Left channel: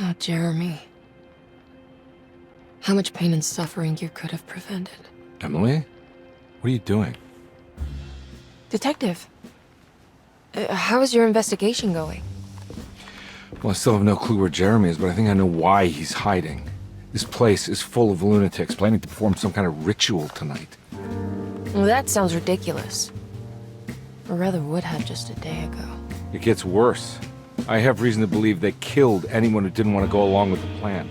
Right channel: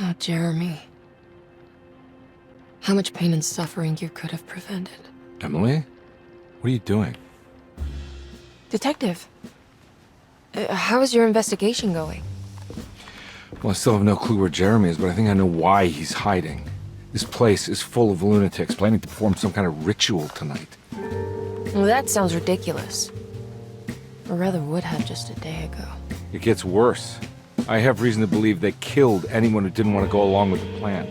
Oh, Jeremy. How much pain and suffering you could have prevented. Emily? What are you doing? Detective, how is your investigation going? Well, I still have no clue where Jeremy is, but I think I know why he's hiding. This place is full of lunatics planning to perform some kind of ritual tonight. Well, that sounds ridiculous. Or rather would have just a day ago. It gets worse. I have reason to believe they killed anyone who didn't want to go along with the plan.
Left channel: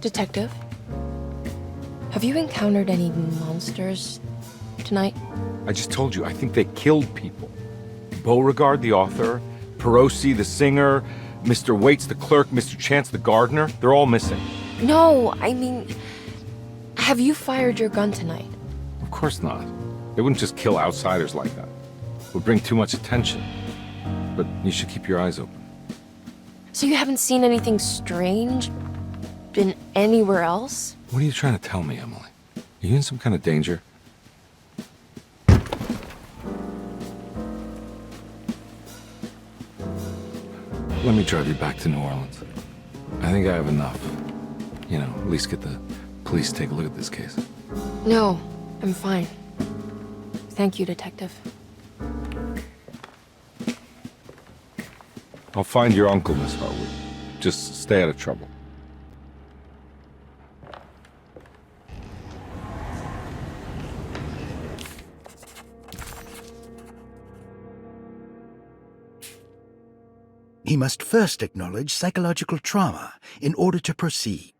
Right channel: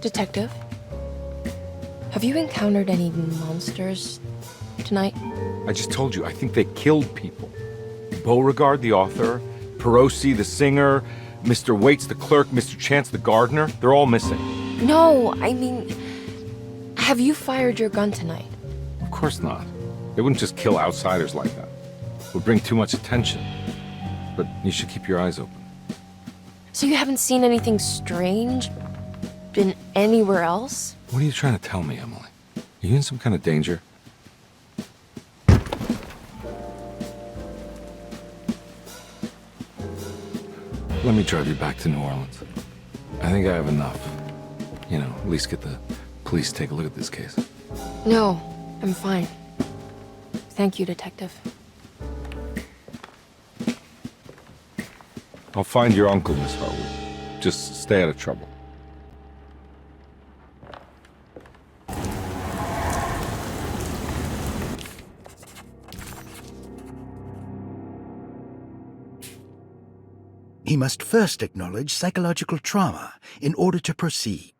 Detective, have you encountered any monsters tonight? I just told you, I think they killed people. Beauregard, the author, Perosi, the singer, Mr. Waits, the clerk, Mr. Chance, the gardener, they're all missing. No, I mean, have you fired your gun tonight? Of course not. They wouldn't just kill outsiders like that. It would bring too much attention. But you should keep your eyes open. So you haven't seen anything strange? Been anywhere else? What are you trying to tell me, Emily? Are you in some kind of danger? Let me drive you back to New Orleans. I think I have enough. You know, at least get the police to take a look at this case. No, I'm fine. Thank you, Detective. I'll find your uncle, Miss Hartwood. Just stay out of trouble. He must first acknowledge psychological trauma in order to proceed.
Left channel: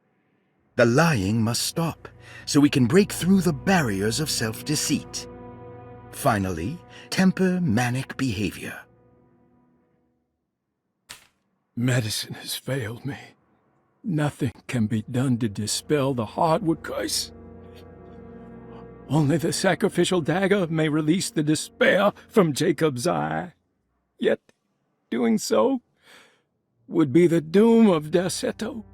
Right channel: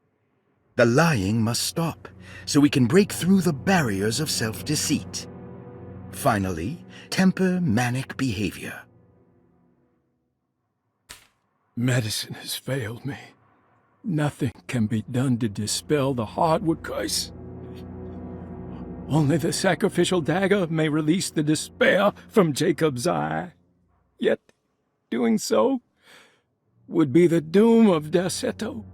The lying must stop, so we can break through the barriers of self-deceit. Finally, temper manic behavior. Medicine has failed me. Nothing can be done to dispel the Hartwood curse. Only the sacrificial dagger may release the despair from Jacob's eye. Yet, doing so would be the doom of Derceto.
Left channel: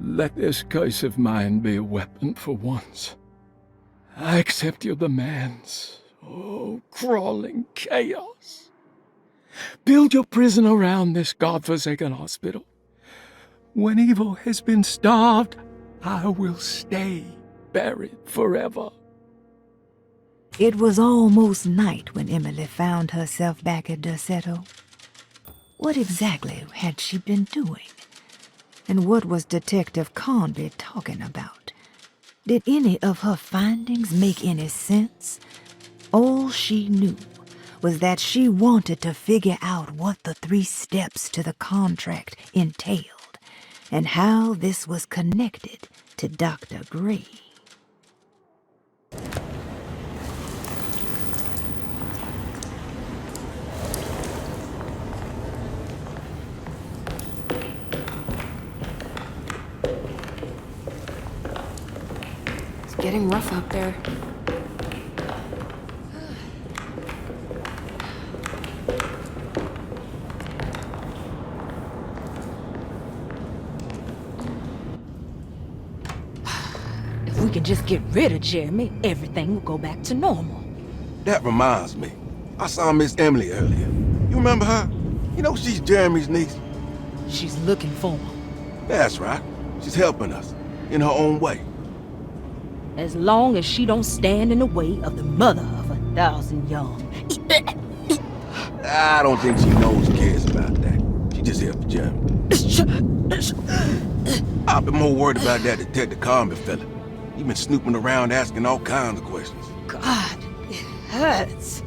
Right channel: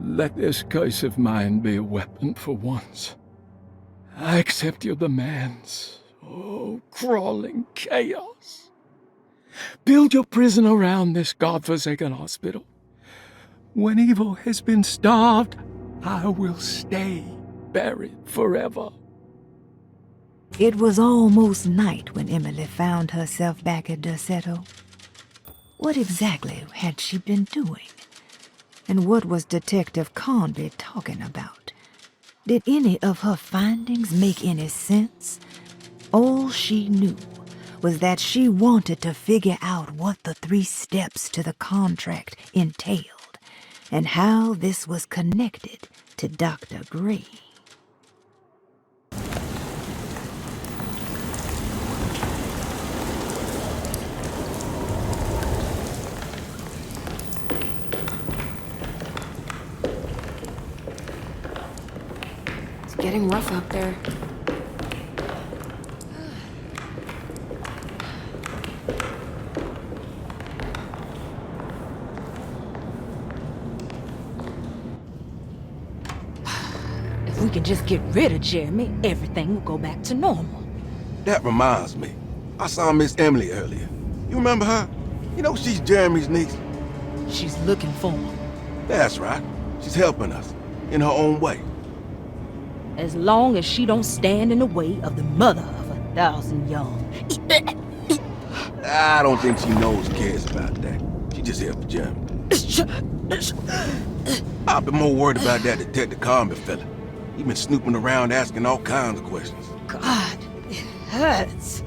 Let this curse of mine be a weapon for once. I accept your demands, oh, crawling chaos. Build your prison around this godforsaken hospital. When evil has been starved, I will stay buried forever. It was almost night when Emily found herself back at Derceto. What exactly had she been doing? And what was Detective Conby talking about? Did any of her findings make any sense? All she knew was that she wanted to figure out what the 3 steps to the contract entailed, and how this was connected to Dr. Gray. It's getting rough out there. If we can just get rid of Jeremy, everything will go back to normal. That reminds me. I saw Miss Emily earlier. You remember her? You know she's Jeremy's niece. She's looking for him. That's right. She's helping us, in her own way. As long as she don't stand in the way of the mother of 1,000 young. I don't think she knows or cares about that. She just here for Jeremy. I've been more worried about that Detective Conby fella. He been snooping around asking all kinds of questions. God, it hurts.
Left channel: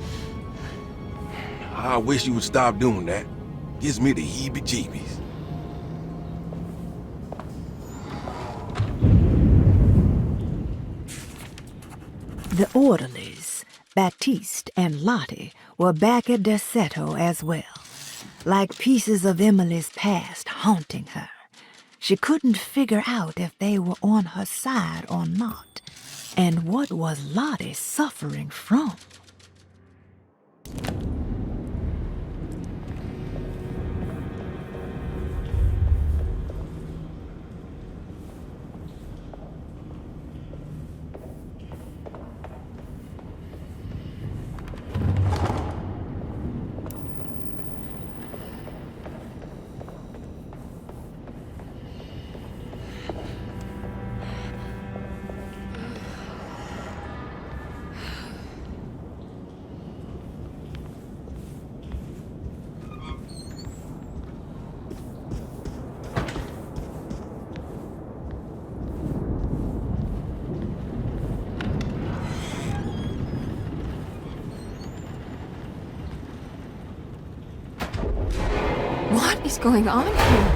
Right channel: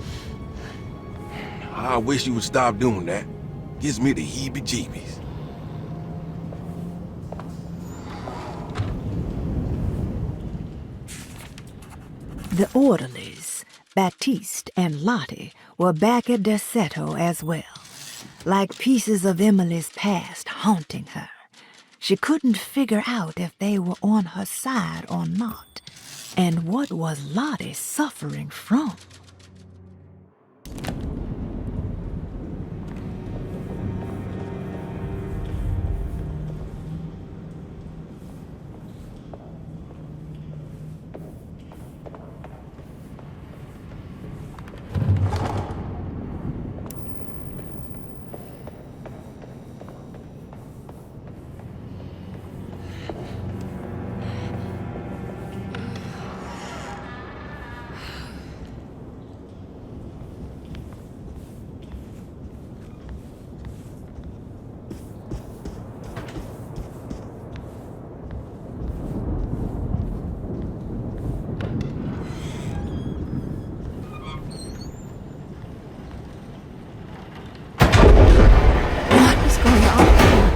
I wish you would stop doing that. Gives me the heebie-jeebies. The orderlies, Baptiste and Lottie, were back at Derceto as well, like pieces of Emily's past haunting her. She couldn't figure out if they were on her side or not, and what was Lottie suffering from? going on here?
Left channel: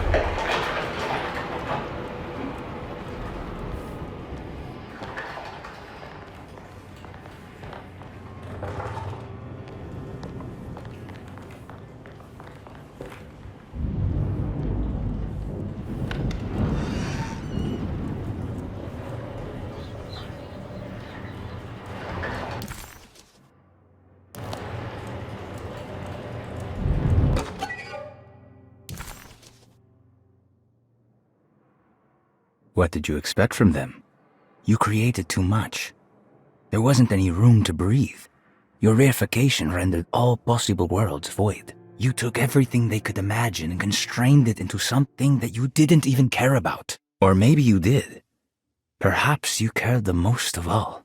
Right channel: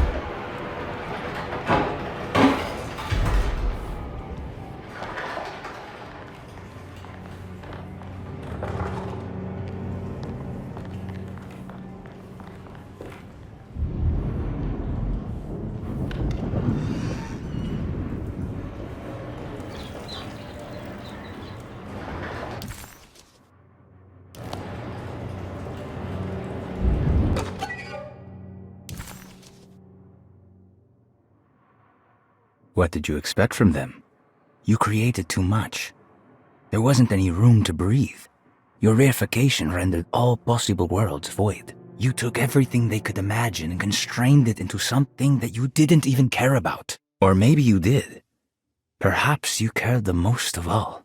What did you expect from them? You created too much. There wasn't any room to breathe. Your reification rendered all possible worlds void. You took everything they could imagine and constrained it into something that you didn't even care about. Or maybe you did. Perhaps you cared the most of all.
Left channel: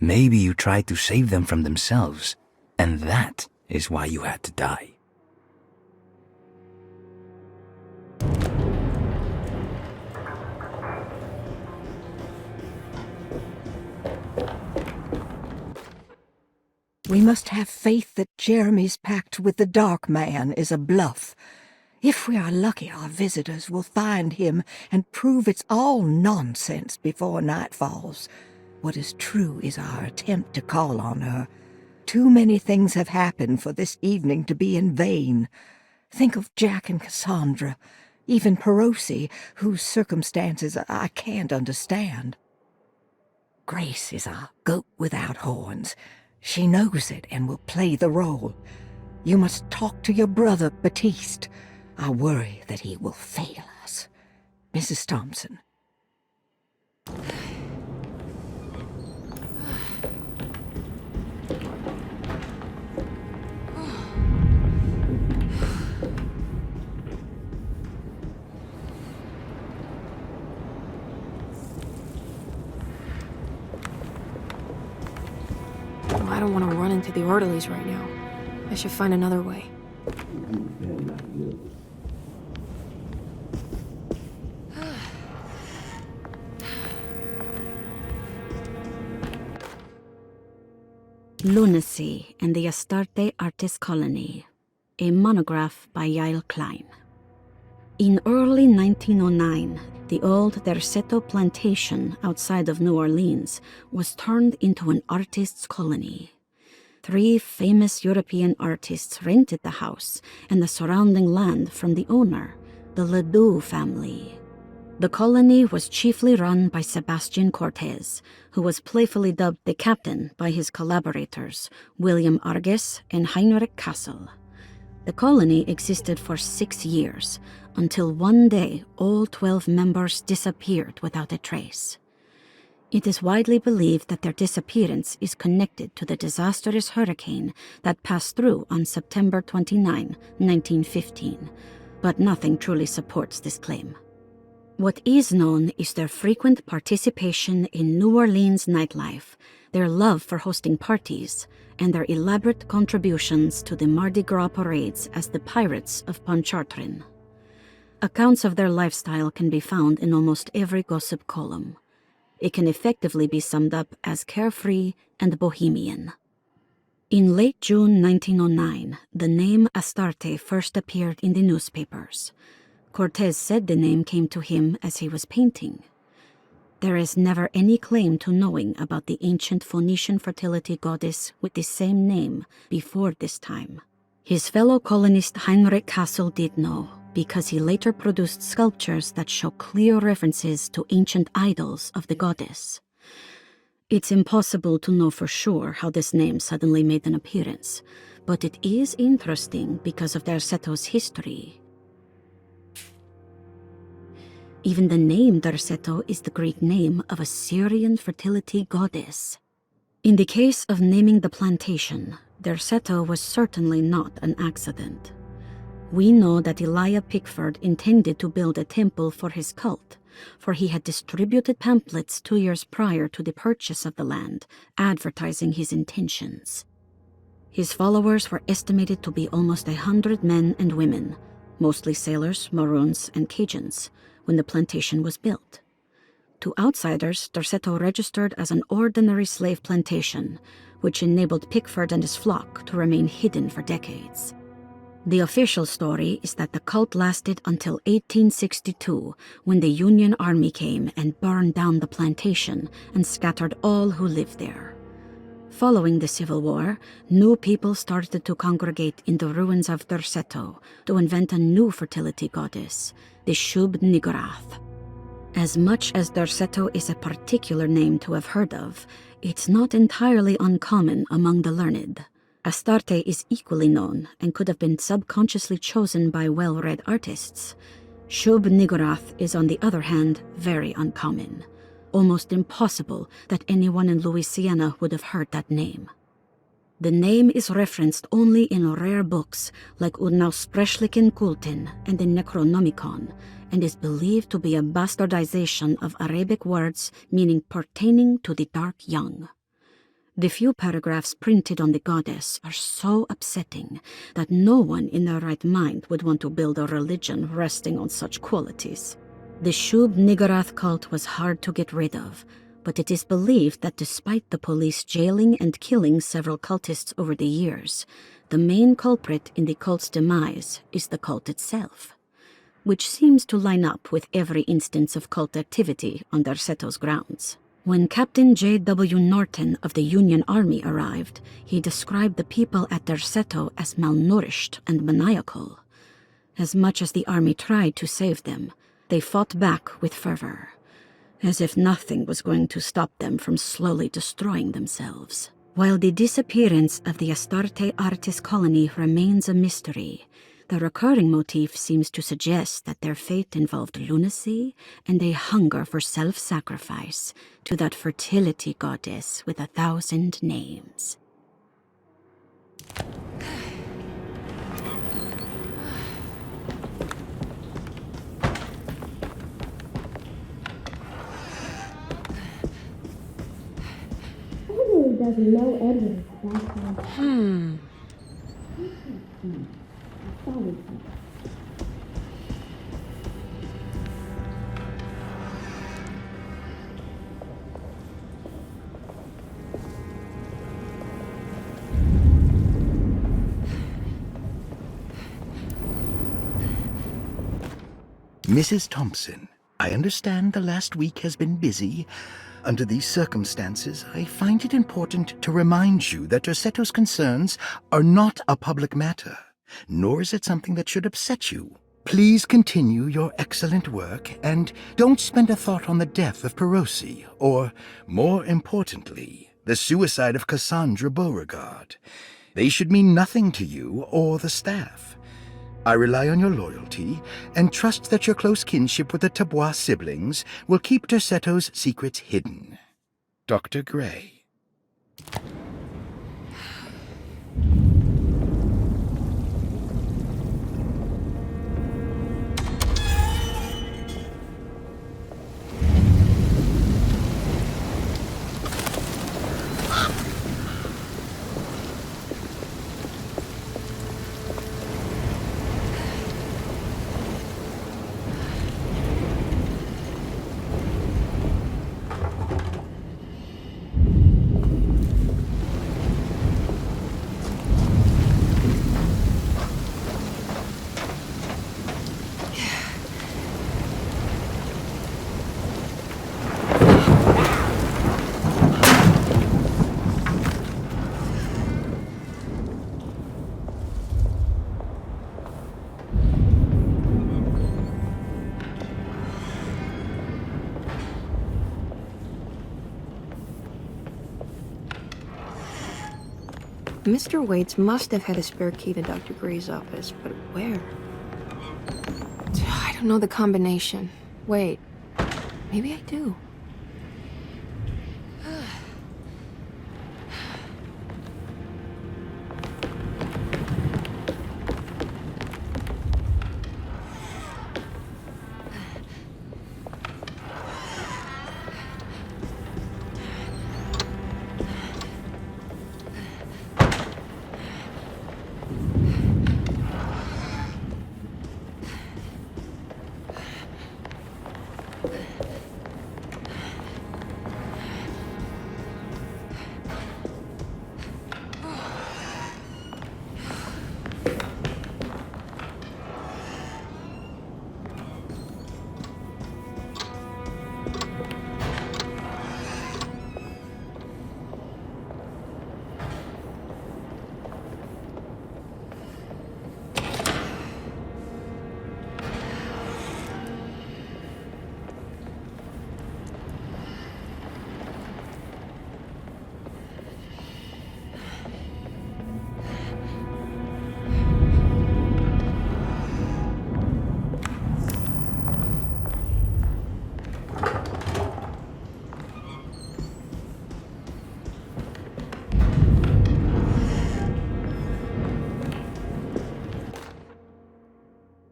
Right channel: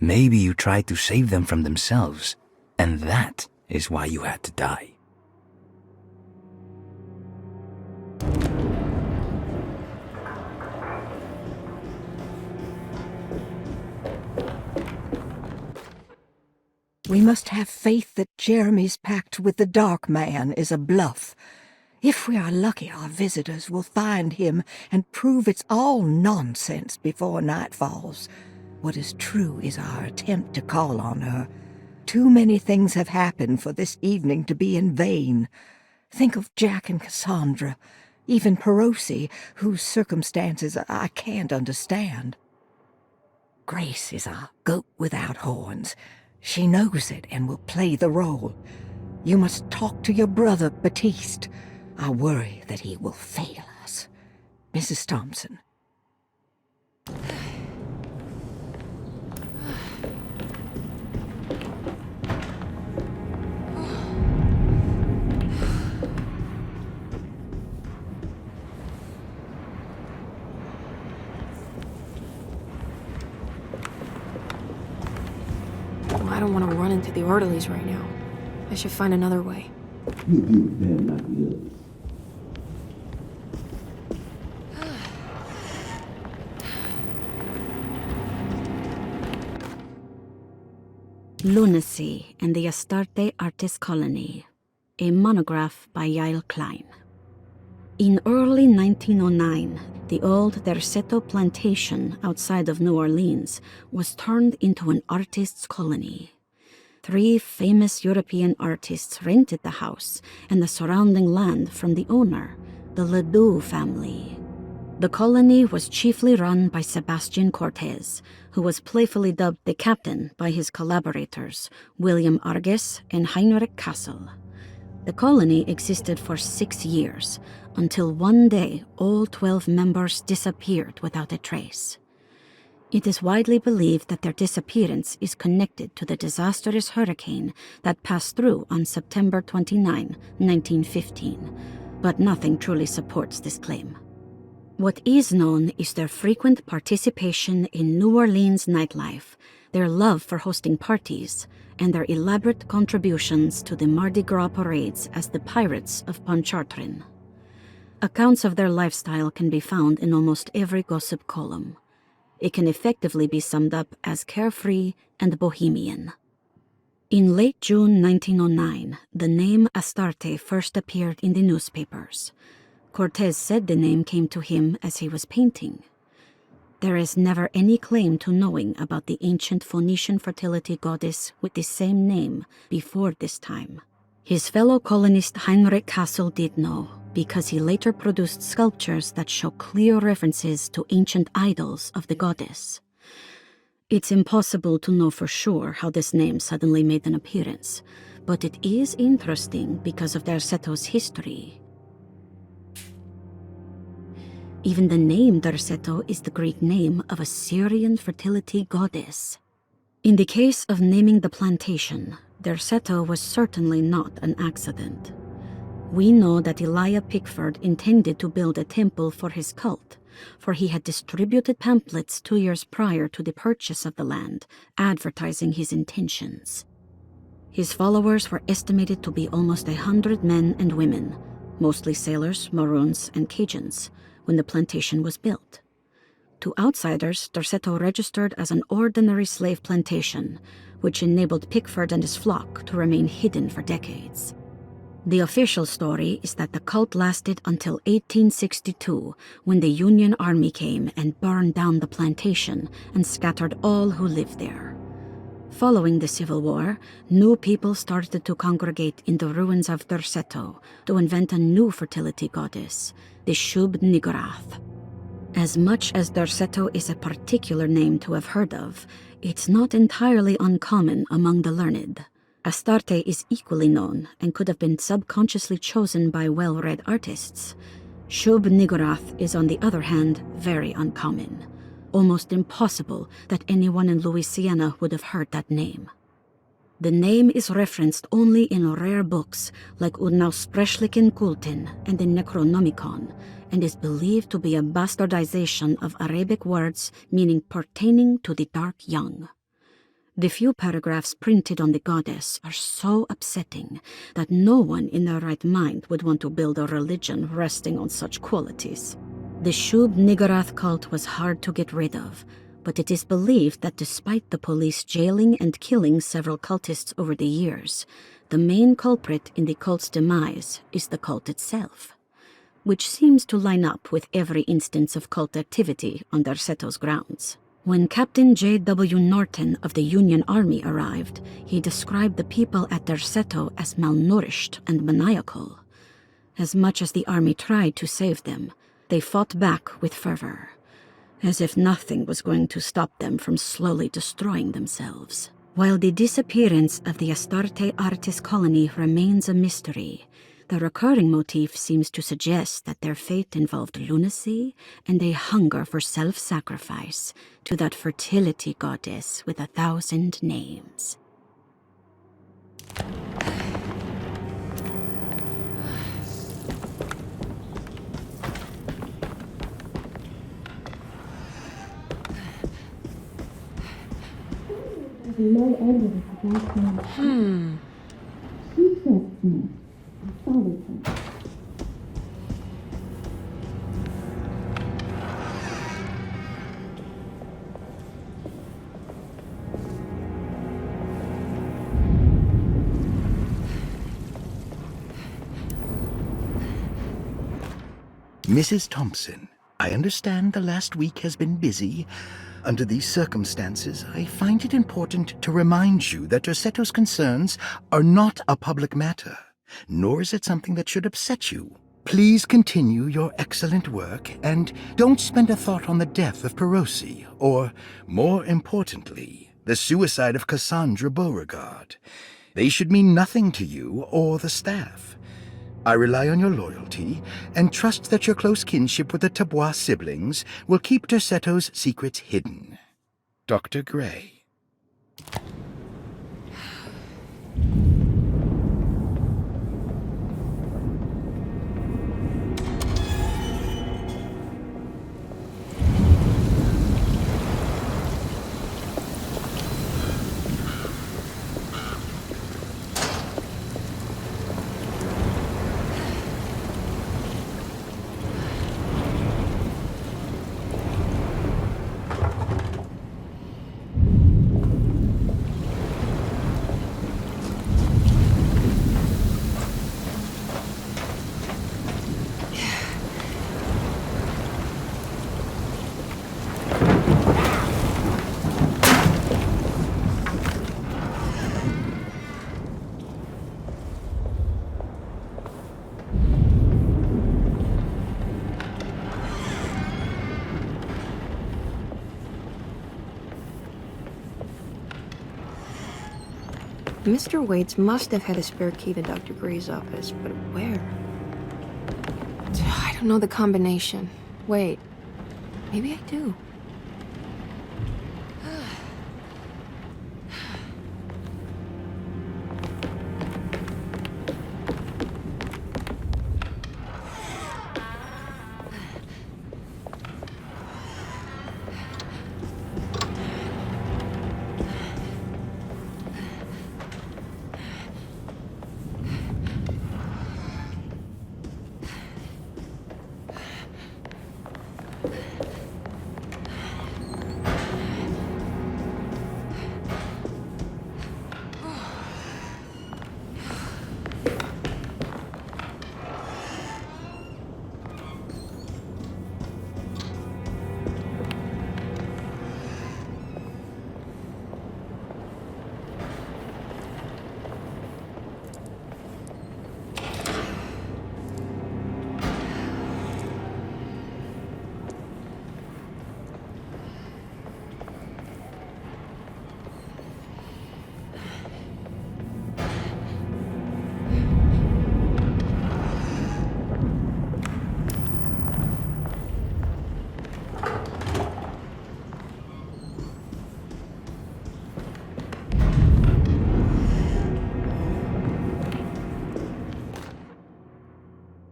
Maybe you tried to save them from themselves, and that is why you had to die. We must have faith that Jeremy's pact with the Dark Man is a bluff. If we are lucky, our visitors will find him and prove it's all nonsense before night falls. What is true is our attempt to call on her. Too many things have happened for this evening to be in vain. Think of Jack and Cassandra, even Perosi, whose circumstances I can't understand. Grace is our goat without horns. She knows it and will play the role. You must talk to your brother, Batiste. I worry that he will fail us. Mrs. Thompson. I don't want to run into the orderlies right now. I should find another way. Lunacy and the Astarte Artist Colony, a monograph by Yael Klein. In early 1909, the old Derceto plantation outside of New Orleans was turned into an artist's colony. 3 famous European artists rented the house and the surrounding land from the owner, the Ledoux family. The colony was chiefly run by Sebastian Cortez, who was playfully dubbed the captain by his collaborators, William Arges and Heinrich Kassel. The colony existed for 6 years, until one day all 12 members disappeared without a trace. It is widely believed that their disappearance is connected to the disastrous hurricane that passed through on September 29, 1915, but nothing truly supports this claim. What is known is their frequent participation in New Orleans nightlife, their love for hosting parties, and their elaborate contributions to the Mardi Gras parades as the Pirates of Pontchartrain. Accounts of their lifestyle can be found in almost every gossip column. It can effectively be summed up as carefree and bohemian. In late June 1909, the name Astarte first appeared in the newspapers. Cortez said the name came to him as he was painting. There is never any claim to knowing about the ancient Phoenician fertility goddess with the same name before this time. His fellow colonist Heinrich Kassel did know, because he later produced sculptures that show clear references to ancient idols of the goddess. It's impossible to know for sure how this name suddenly made an appearance, but it is interesting because of Derceto's history. Even the name Derceto is the Greek name of a Syrian fertility goddess. In the case of naming the plantation, Derceto was certainly not an accident. We know that Elijah Pickford intended to build a temple for his cult, for he had distributed pamphlets 2 years prior to the purchase of the land, advertising his intentions. His followers were estimated to be almost 100 men and women, mostly sailors, Maroons, and Cajuns, when the plantation was built. To outsiders, Derceto registered as an ordinary slave plantation, which enabled Pickford and his flock to remain hidden for decades. The official story is that the cult lasted until 1862, when the Union Army came and burned down the plantation and scattered all who lived there. Following the Civil War, new people started to congregate in the ruins of Derceto to invent a new fertility goddess, the Shub-Niggurath. As much as Derceto is a particular name to have heard of, it's not entirely uncommon among the learned. Astarte is equally known and could have been subconsciously chosen by well-read artists. Shub-Niggurath is, on the other hand, very uncommon. Almost impossible that anyone in Louisiana would have heard that name. The name is referenced only in rare books like Unaussprechlichen Kulten and the Necronomicon, and is believed to be a bastardization of Arabic words meaning pertaining to the dark young. The few paragraphs printed on the goddess are so upsetting that no one in their right mind would want to build a religion resting on such qualities. The Shub-Niggurath cult was hard to get rid of, but it is believed that despite the police jailing and killing several cultists over the years, the main culprit in the cult's demise is the cult itself, which seems to line up with every instance of cult activity on Derceto's grounds. When Captain J.W. Norton of the Union Army arrived, he described the people at Derceto as malnourished and maniacal. As much as the army tried to save them, they fought back with fervor, as if nothing was going to stop them from slowly destroying themselves. While the disappearance of the Astarte artist colony remains a mystery, the recurring motif seems to suggest that their fate involved lunacy and a hunger for self-sacrifice to that fertility goddess with 1,000 names. There's no evidence about him. He said me. I followed him. Mrs. Thompson, I understand the last week has been busy. Under these circumstances, I find it important to remind you that Derceto's concerns are not a public matter, nor is it something that should upset you. Please continue your excellent work, and don't spend a thought on the death of Perosi, or, more importantly, the suicide of Cassandra Beauregard. They should mean nothing to you or the staff. I rely on your loyalty, and trust that your close kinship with the Tabois siblings will keep Derceto's secrets hidden. Dr. Gray. Mr. Waits must have had a spare key to Dr. Gray's office, but where? I don't know the combination. Wait, maybe I do.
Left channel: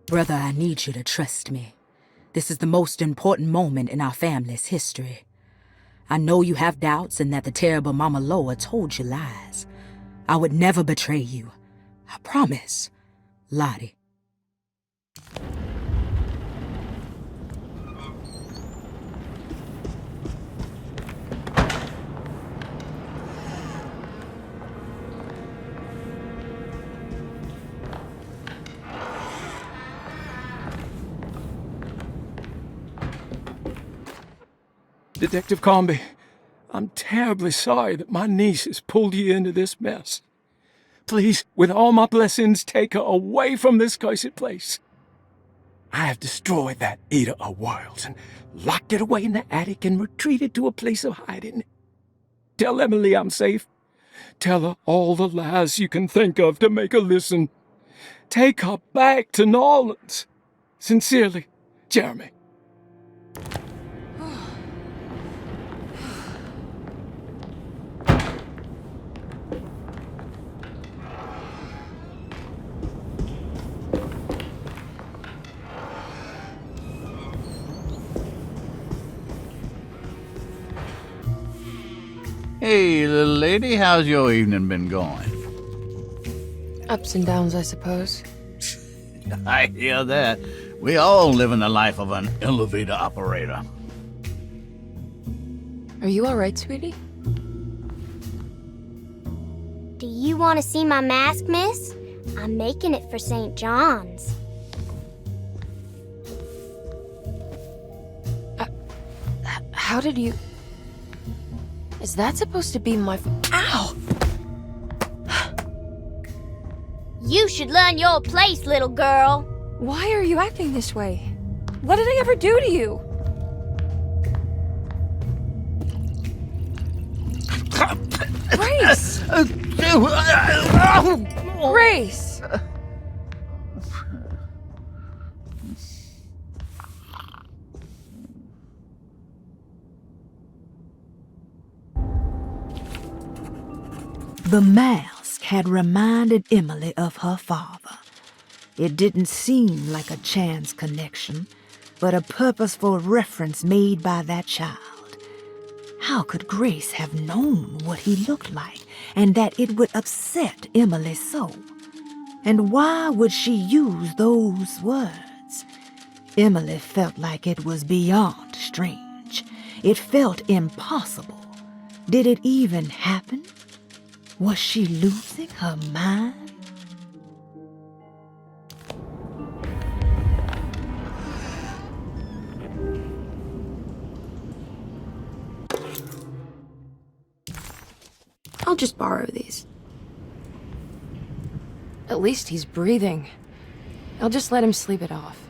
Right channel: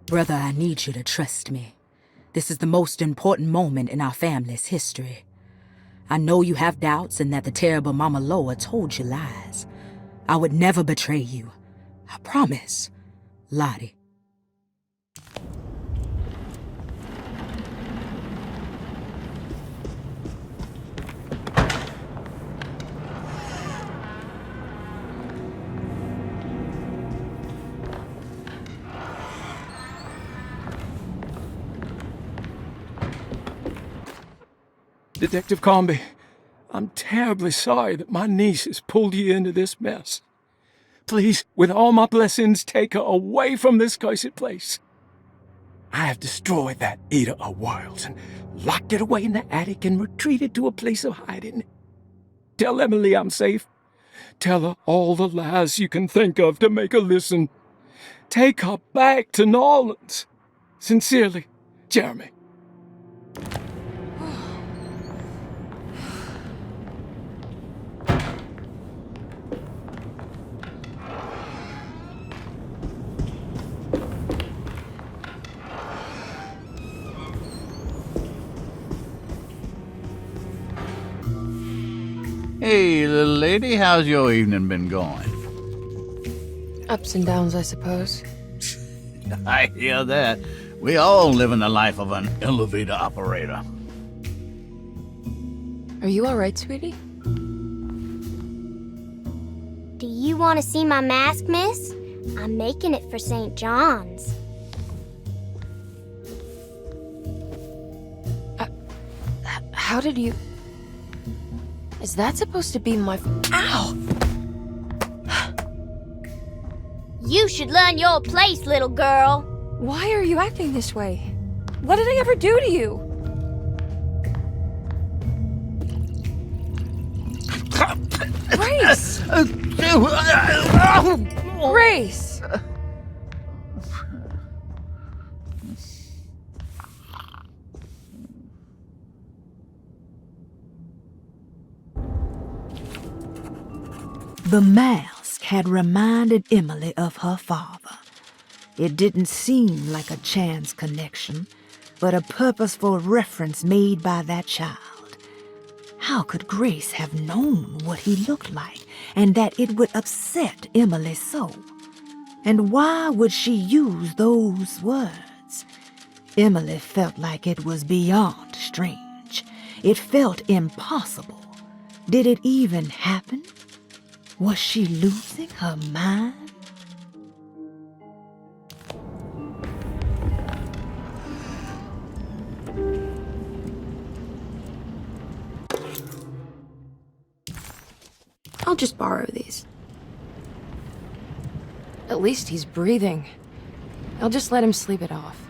Brother, I need you to trust me. This is the most important moment in our family's history. I know you have doubts and that the terrible Mama Loa told you lies. I would never betray you. I promise. Lottie. Detective Comby, I'm terribly sorry that my niece has pulled you into this mess. Please, with all my blessings, take her away from this cursed place. I have destroyed that eater of worlds and locked it away in the attic and retreated to a place of hiding. Tell Emily I'm safe. Tell her all the lies you can think of to make her listen. Take her back to New Orleans. Sincerely, Jeremy. Hey, little lady, how's your evening been going? Ups and downs, I suppose. I hear that. We all live in the life of an elevator operator. Are you all right, sweetie? Do you want to see my mask, miss? I'm making it for St. John's. How did you... Is that supposed to be my... Ow! You should learn your place, little girl. Why are you acting this way? What did I ever do to you? Grace! Grace! The mask had reminded Emily of her father. It didn't seem like a chance connection, but a purposeful reference made by that child. How could Grace have known what he looked like and that it would upset Emily so? And why would she use those words? Emily felt like it was beyond strange. It felt impossible. Did it even happen? Was she losing her mind? I'll just borrow these. At least he's breathing. I'll just let him sleep it off.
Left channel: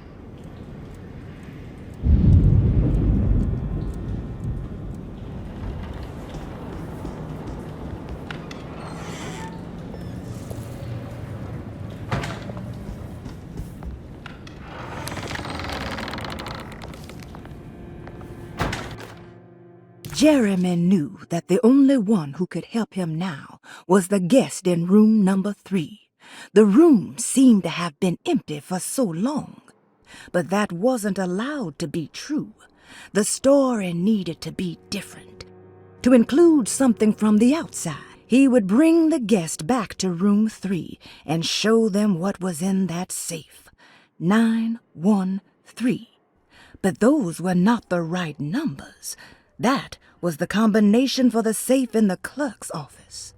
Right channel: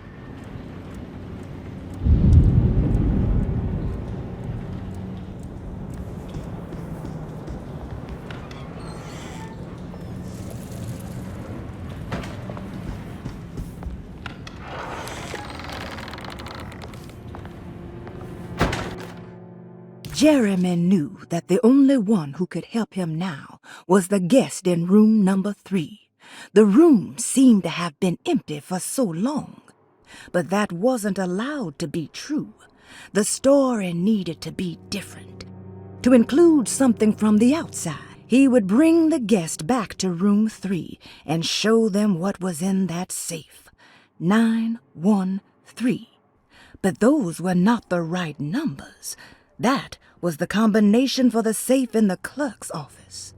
Jeremy knew that the only one who could help him now was the guest in room number 3. The room seemed to have been empty for so long. But that wasn't allowed to be true. The story needed to be different. To include something from the outside, he would bring the guest back to room 3 and show them what was in that safe. 913. But those were not the right numbers. That was the combination for the safe in the clerk's office.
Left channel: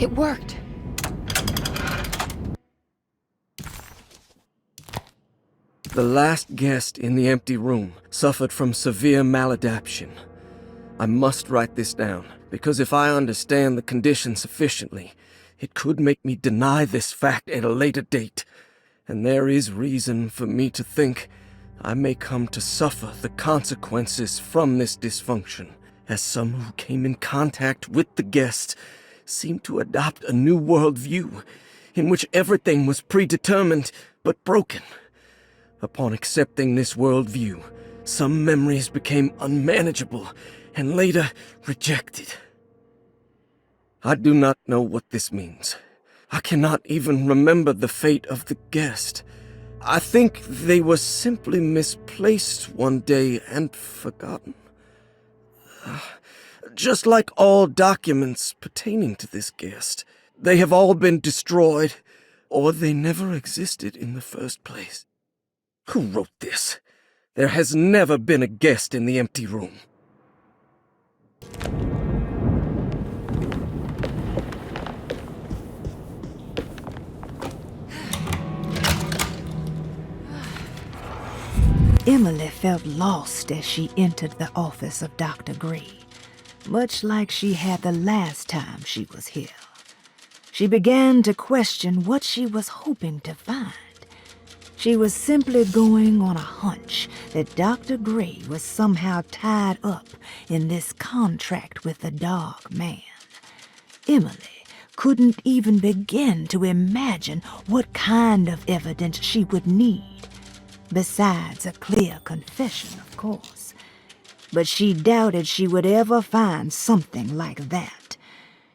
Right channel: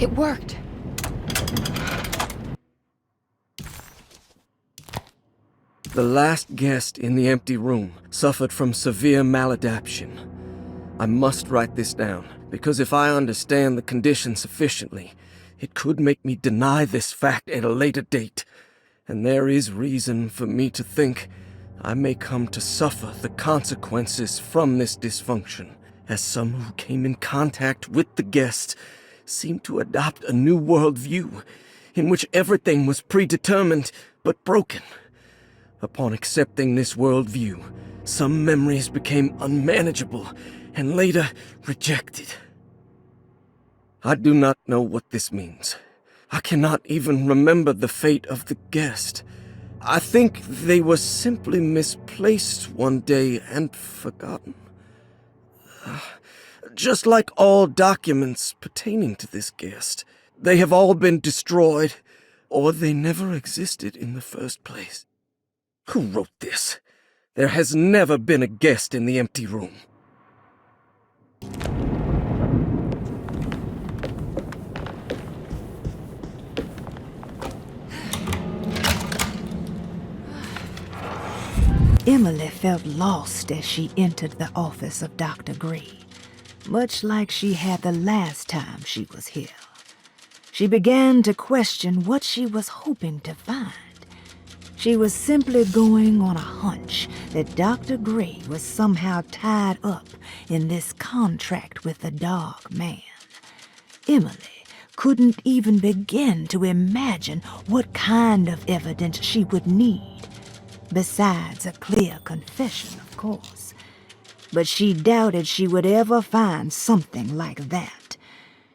It worked. The last guest in the empty room suffered from severe maladaptation. I must write this down, because if I understand the condition sufficiently, it could make me deny this fact at a later date, and there is reason for me to think I may come to suffer the consequences from this dysfunction, as some who came in contact with the guest seemed to adopt a new worldview in which everything was predetermined but broken. Upon accepting this worldview, some memories became unmanageable and later rejected. I do not know what this means. I cannot even remember the fate of the guest. I think they were simply misplaced one day and forgotten. Just like all documents pertaining to this guest, they have all been destroyed, or they never existed in the first place. Who wrote this? There has never been a guest in the empty room. Emily felt lost as she entered the office of Dr. Gray, much like she had the last time she was here. She began to question what she was hoping to find. She was simply going on a hunch that Dr. Gray was somehow tied up in this contract with the Dark Man. Emily couldn't even begin to imagine what kind of evidence she would need, besides a clear confession, of course. But she doubted she would ever find something like that.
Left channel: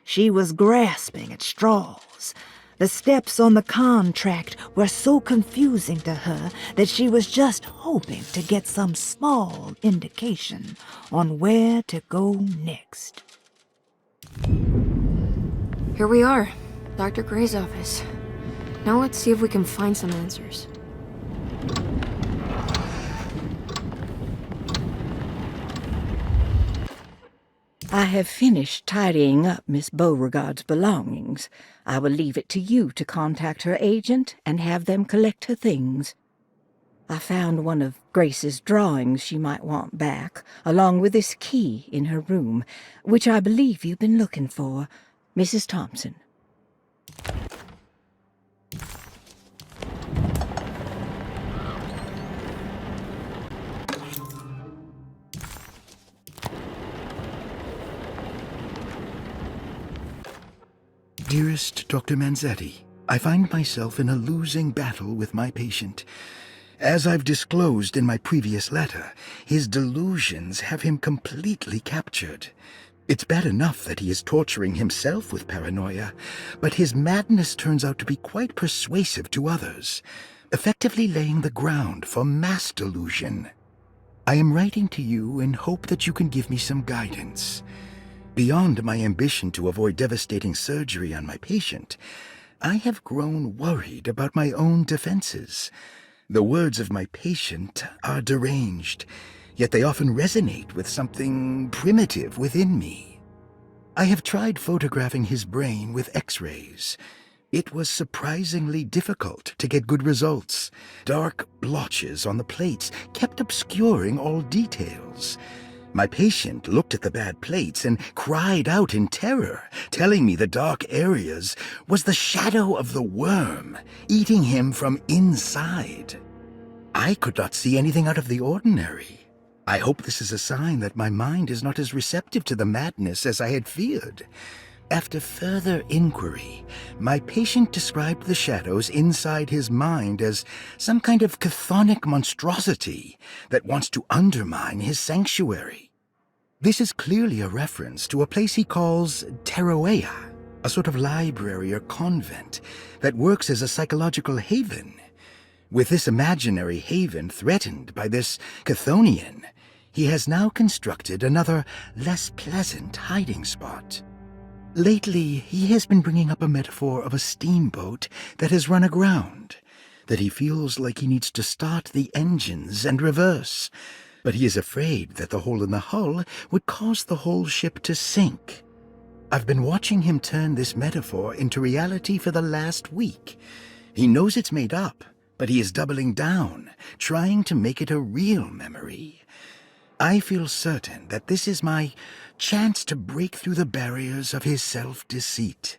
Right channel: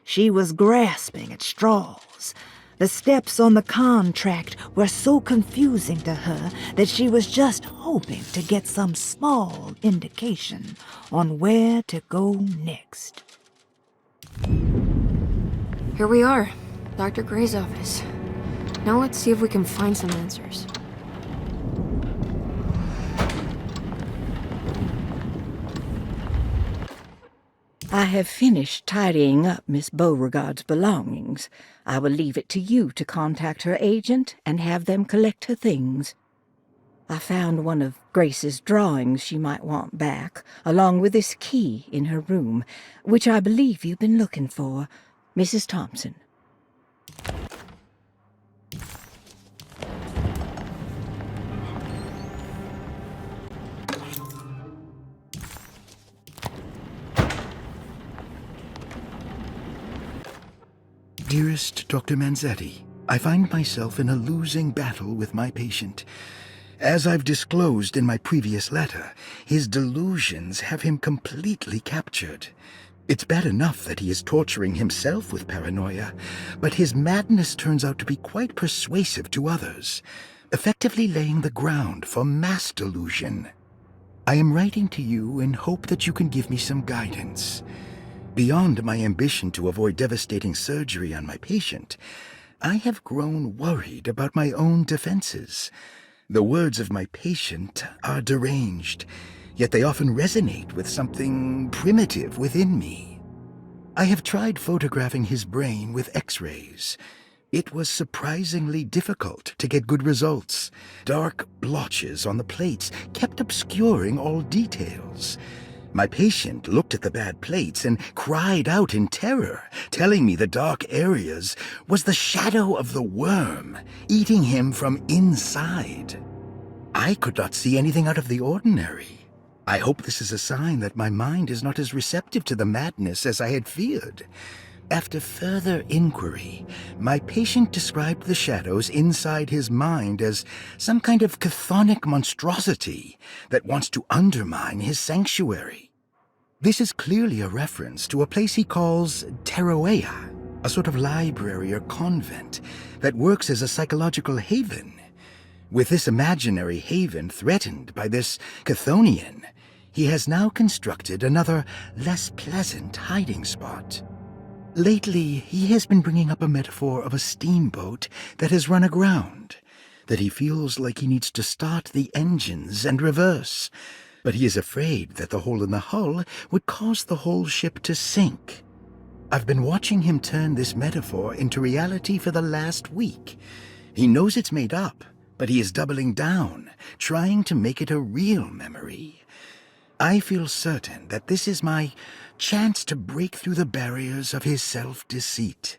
She was grasping at straws. The steps on the contract were so confusing to her that she was just hoping to get some small indication on where to go next. Here we are, Dr. Gray's office. Now let's see if we can find some answers. I have finished tidying up Miss Beauregard's belongings. I will leave it to you to contact her agent and have them collect her things. I found one of Grace's drawings she might want back, along with this key in her room, which I believe you've been looking for, Mrs. Thompson. Dearest Dr. Manzetti, I find myself in a losing battle with my patient. As I've disclosed in my previous letter, his delusions have him completely captured. It's bad enough that he is torturing himself with paranoia, but his madness turns out to be quite persuasive to others, effectively laying the ground for mass delusion. I am writing to you in hope that you can give me some guidance. Beyond my ambition to avoid devastating surgery on my patient, I have grown worried about my own defenses. The words of my patient are deranged, yet they often resonate with something primitive within me. I have tried photographing his brain with X-rays. It was surprisingly difficult to get good results. Dark blotches on the plates kept obscuring all details. My patient looked at the bad plates and cried out in terror, telling me the dark areas was the shadow of the worm, eating him from inside. I could not see anything out of the ordinary. I hope this is a sign that my mind is not as receptive to the madness as I had feared. After further inquiry, my patient described the shadows inside his mind as some kind of chthonic monstrosity that wants to undermine his sanctuary. This is clearly a reference to a place he calls Teroea, a sort of library or convent that works as a psychological haven. With this imaginary haven threatened by this Chthonian, he has now constructed another, less pleasant hiding spot. Lately, he has been bringing up a metaphor of a steamboat that has run aground, that he feels like he needs to start the engines and reverse, but he is afraid that the hole in the hull would cause the whole ship to sink. I've been watching him turn this metaphor into reality for the last week. He knows it's made up, But he is doubling down, trying to make it a real memory. I feel certain that this is my chance to break through the barriers of his self-deceit.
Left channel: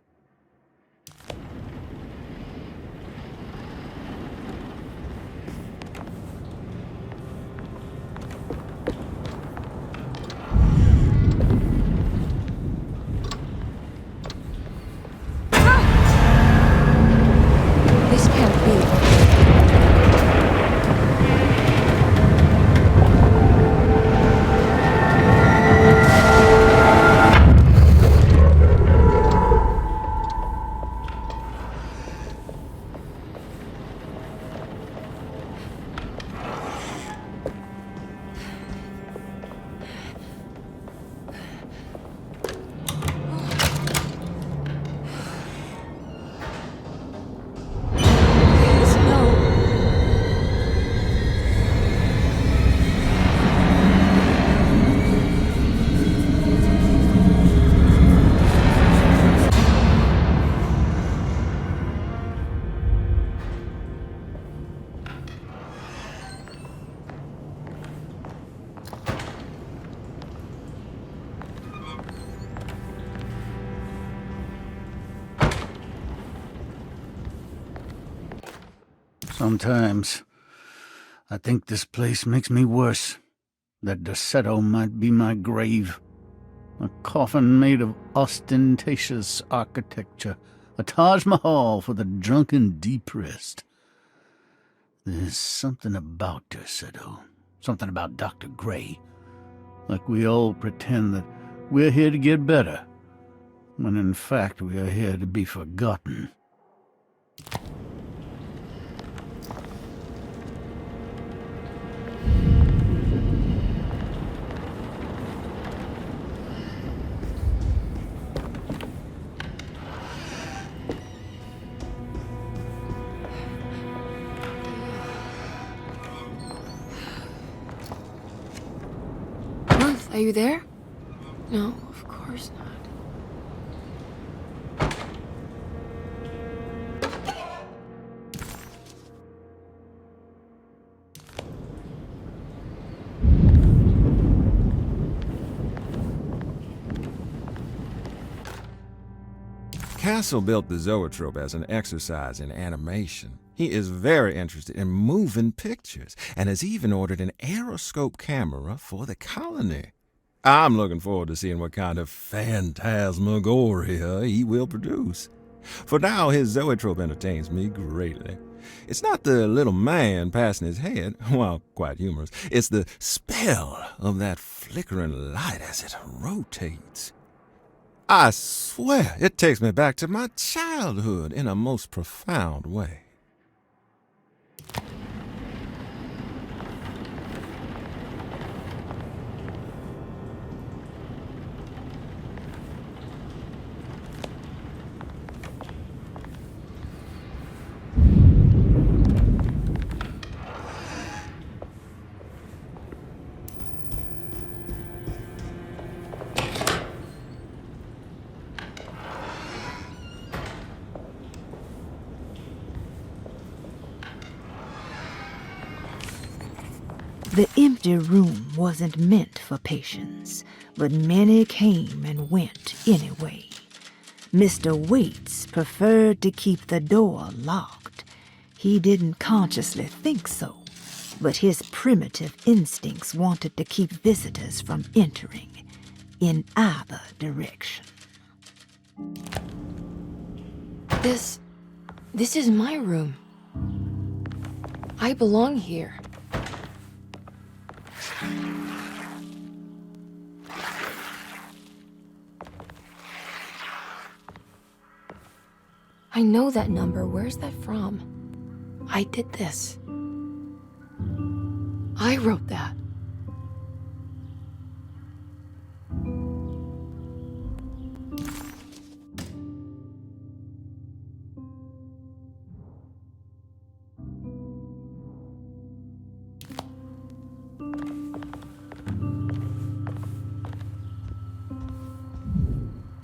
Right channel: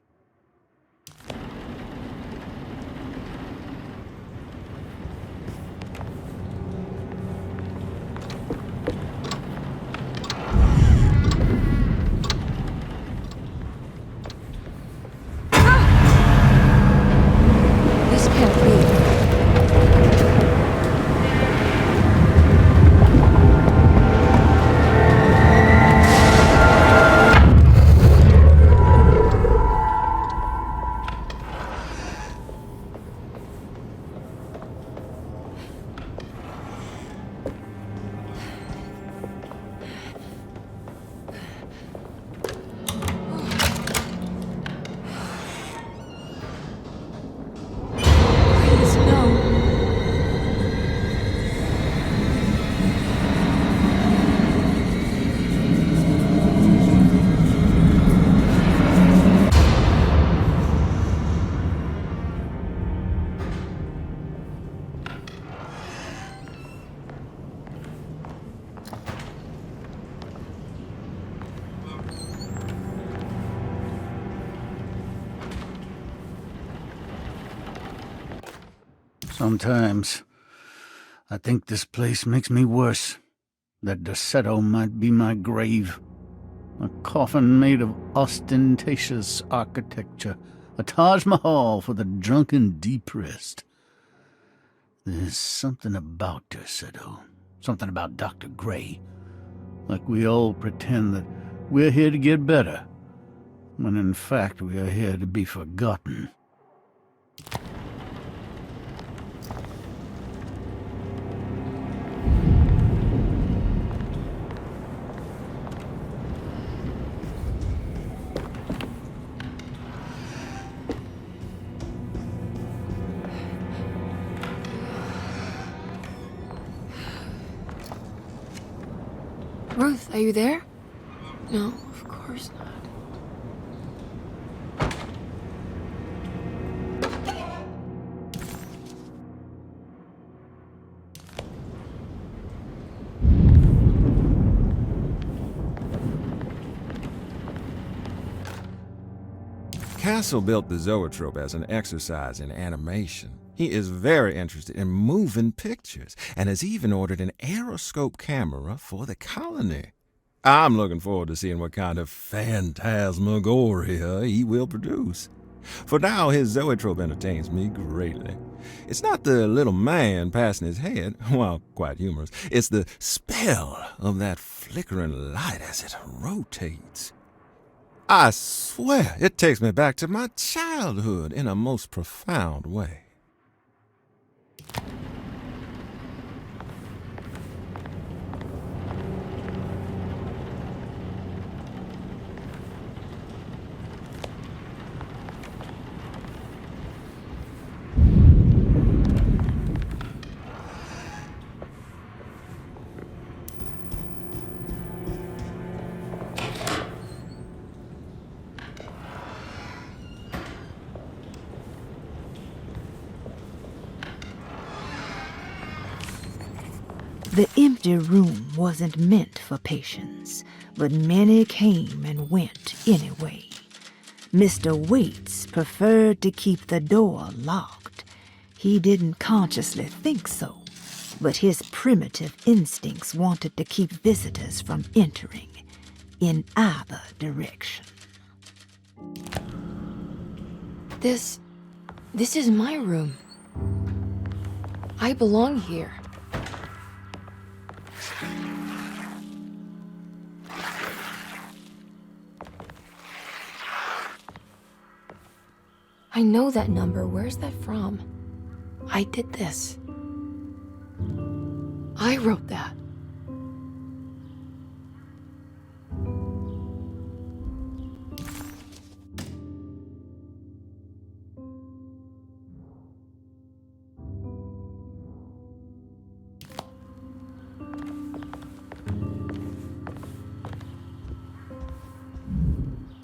This can't be. Sometimes I think this place makes me worse. That Derceto might be my grave. A coffin made of ostentatious architecture. A Taj Mahal for the drunken depressed. There's something about Derceto. Something about Dr. Gray. Like we all pretend that we're here to get better, when in fact we are here to be forgotten. Ruth, are you there? No, of course not. Castle built the zoetrope as an exercise in animation. He is very interested in moving pictures and has even ordered an aeroscope camera for the colony. I'm looking forward to seeing what kind of phantasmagoria he will produce. For now, his zoetrope entertains me greatly. It's not the little man passing his head, while quite humorous. It's the spell of that flickering light as it rotates. I swear, it takes me back to my childhood in a most profound way. The empty room wasn't meant for patients, but many came and went anyway. Mr. Waits preferred to keep the door locked. He didn't consciously think so, but his primitive instincts wanted to keep visitors from entering in either direction. This is my room. I belong here. I know that number. Where's that from? I did this. I wrote that.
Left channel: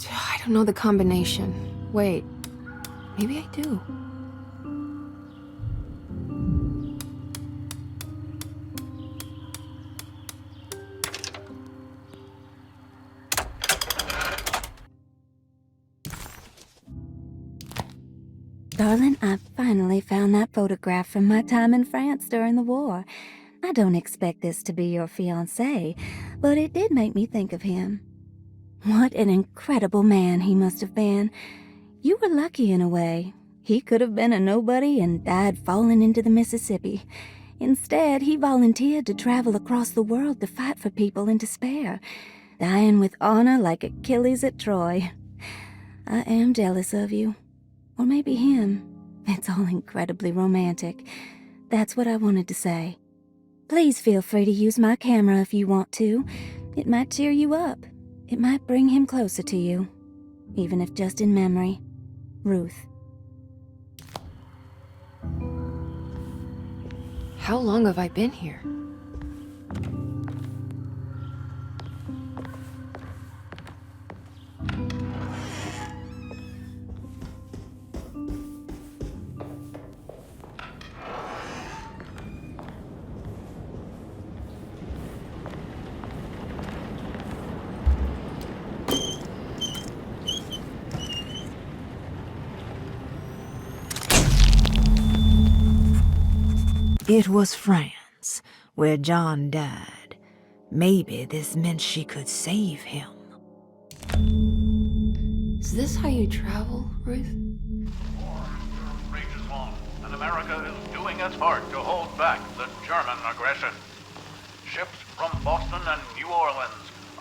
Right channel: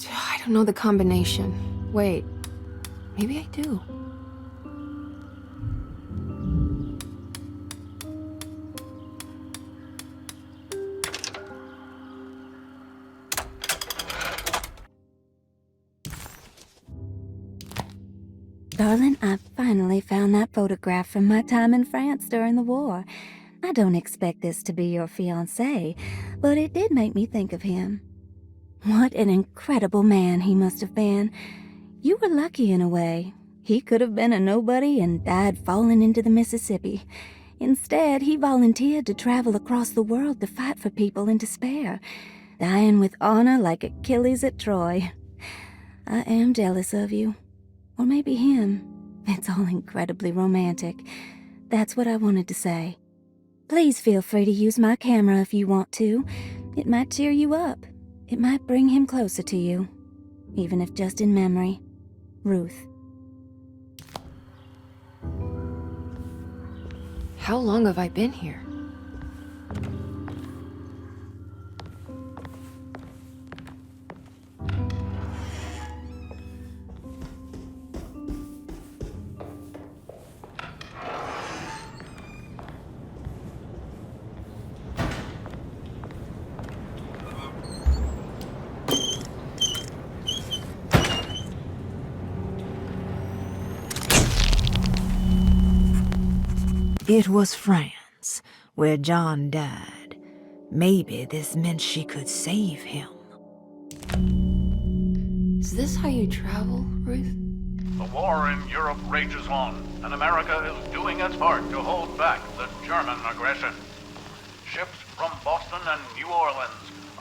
I don't know the combination. Wait. Maybe I do. Darling, I finally found that photograph from my time in France during the war. I don't expect this to be your fiancé, but it did make me think of him. What an incredible man he must have been. You were lucky in a way. He could have been a nobody and died falling into the Mississippi. Instead, he volunteered to travel across the world to fight for people in despair, dying with honor like Achilles at Troy. I am jealous of you. Or maybe him. It's all incredibly romantic. That's what I wanted to say. Please feel free to use my camera if you want to. It might cheer you up. It might bring him closer to you. Even if just in memory. Ruth. How long have I been here? It was France, where John died. Maybe this meant she could save him. Is this how you travel, Ruth? The war in Europe rages on, and America is doing its part to hold back the German aggression. Ships from Boston and New Orleans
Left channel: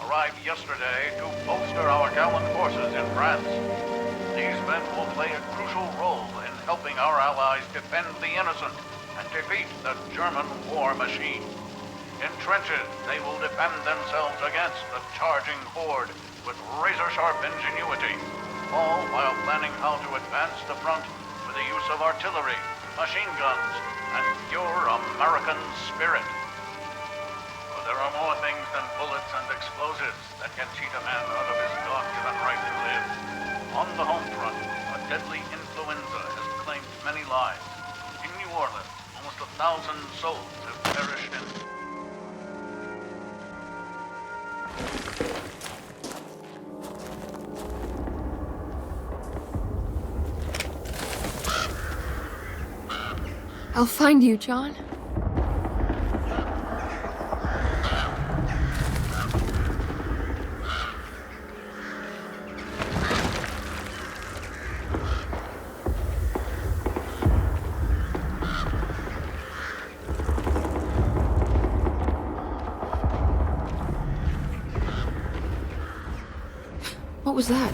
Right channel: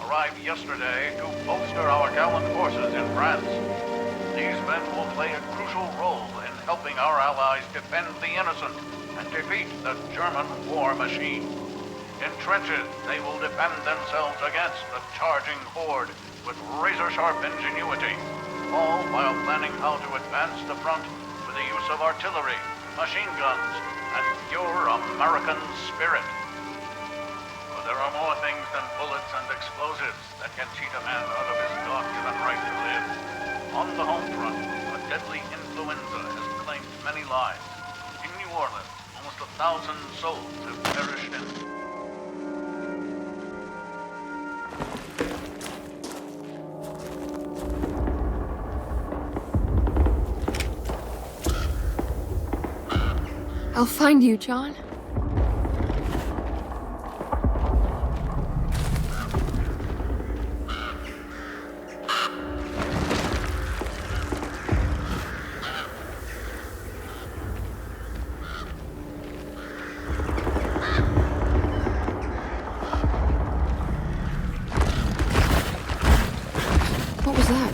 arrived yesterday to bolster our gallant forces in France. These men will play a crucial role in helping our allies defend the innocent and defeat the German war machine. In trenches, they will defend themselves against the charging horde with razor-sharp ingenuity, all while planning how to advance the front with the use of artillery, machine guns, and pure American spirit. But there are more things than bullets and explosives that can cheat a man out of his God-given right to live. On the home front, a deadly influenza has claimed many lives. In New Orleans, almost 1,000 souls have perished in... I'll find you, John. What was that?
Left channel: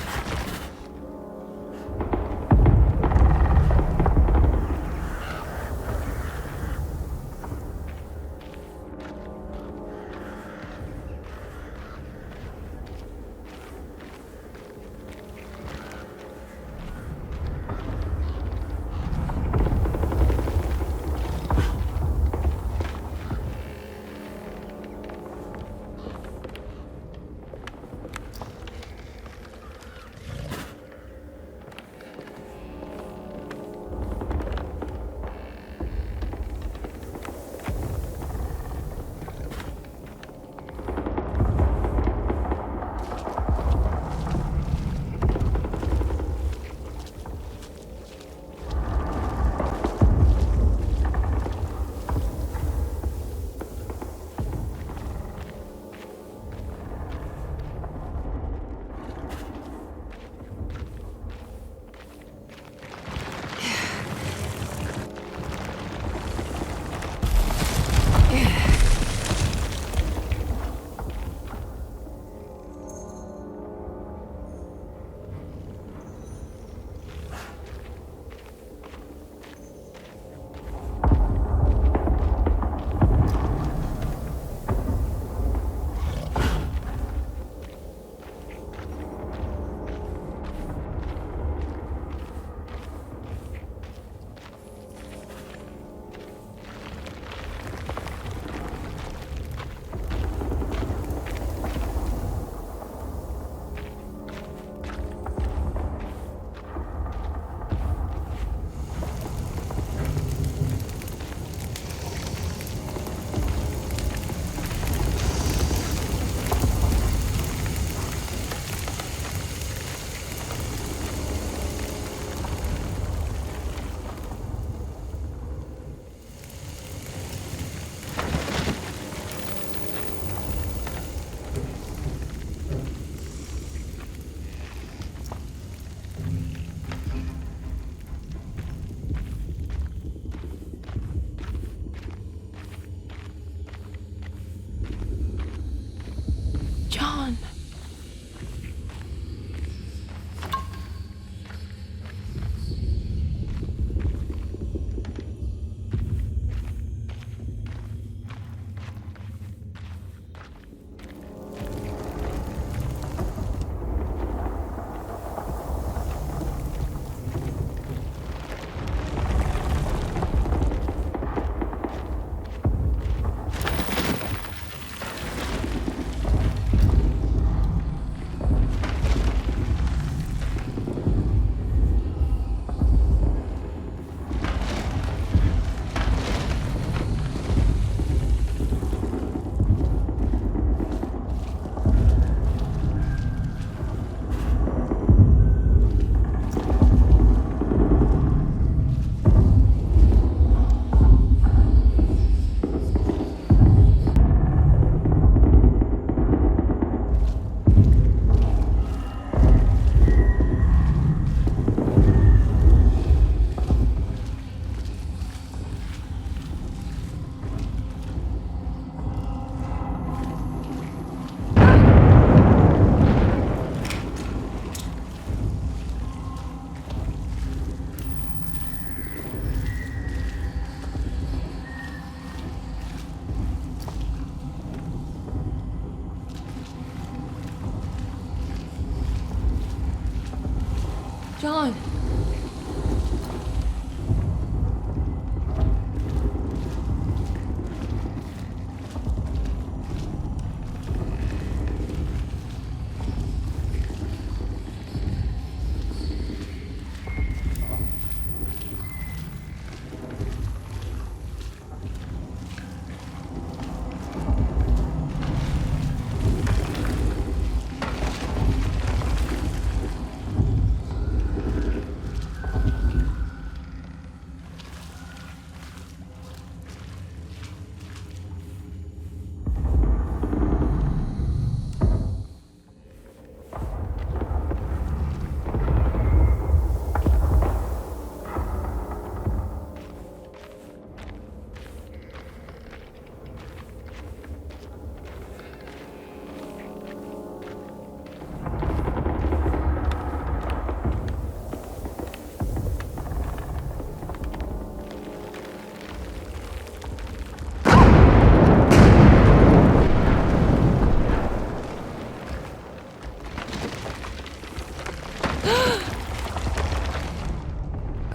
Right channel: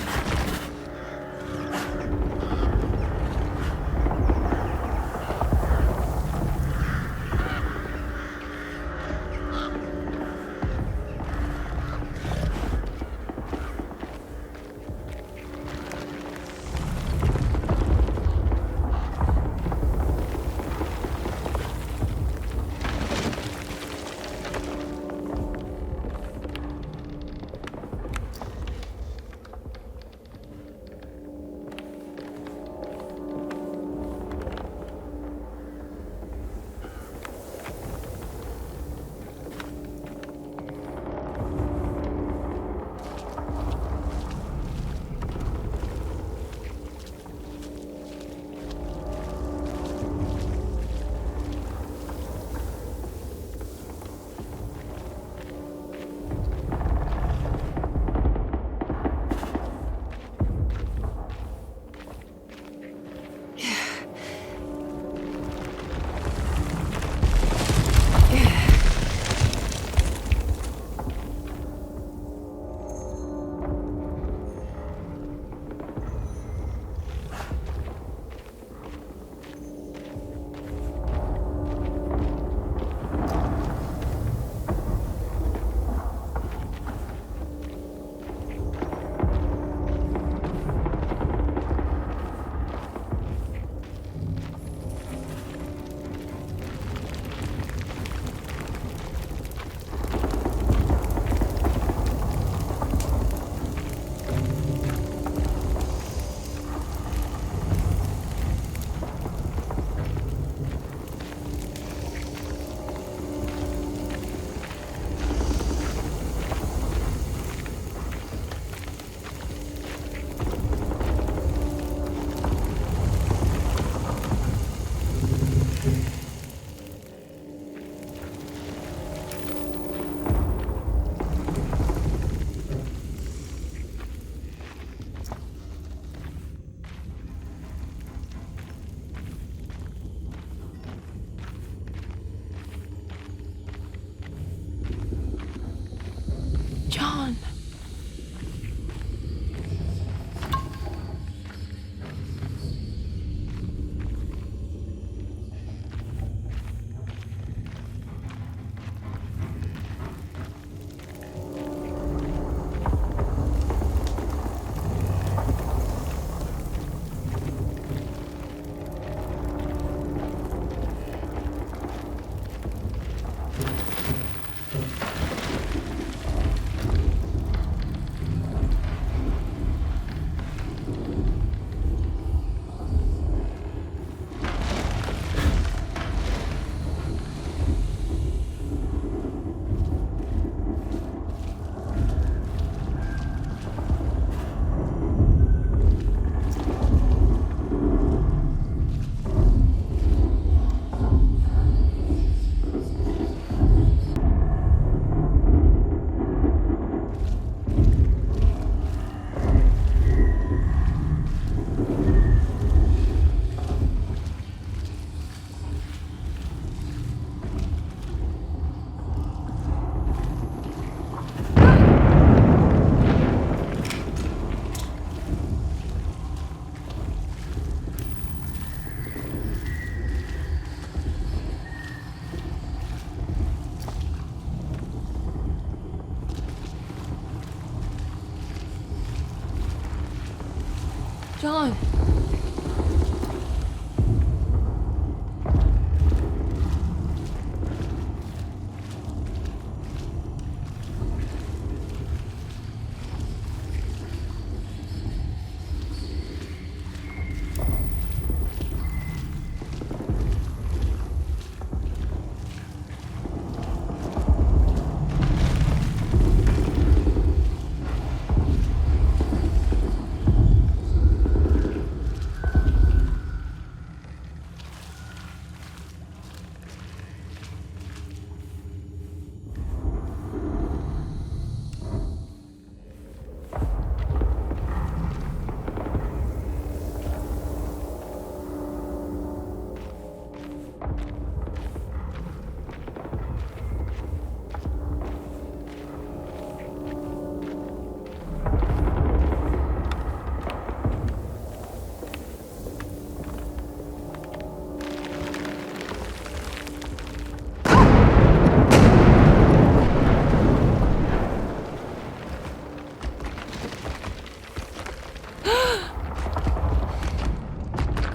John.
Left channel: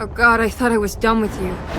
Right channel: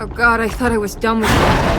Oh god, I thought I was done with you.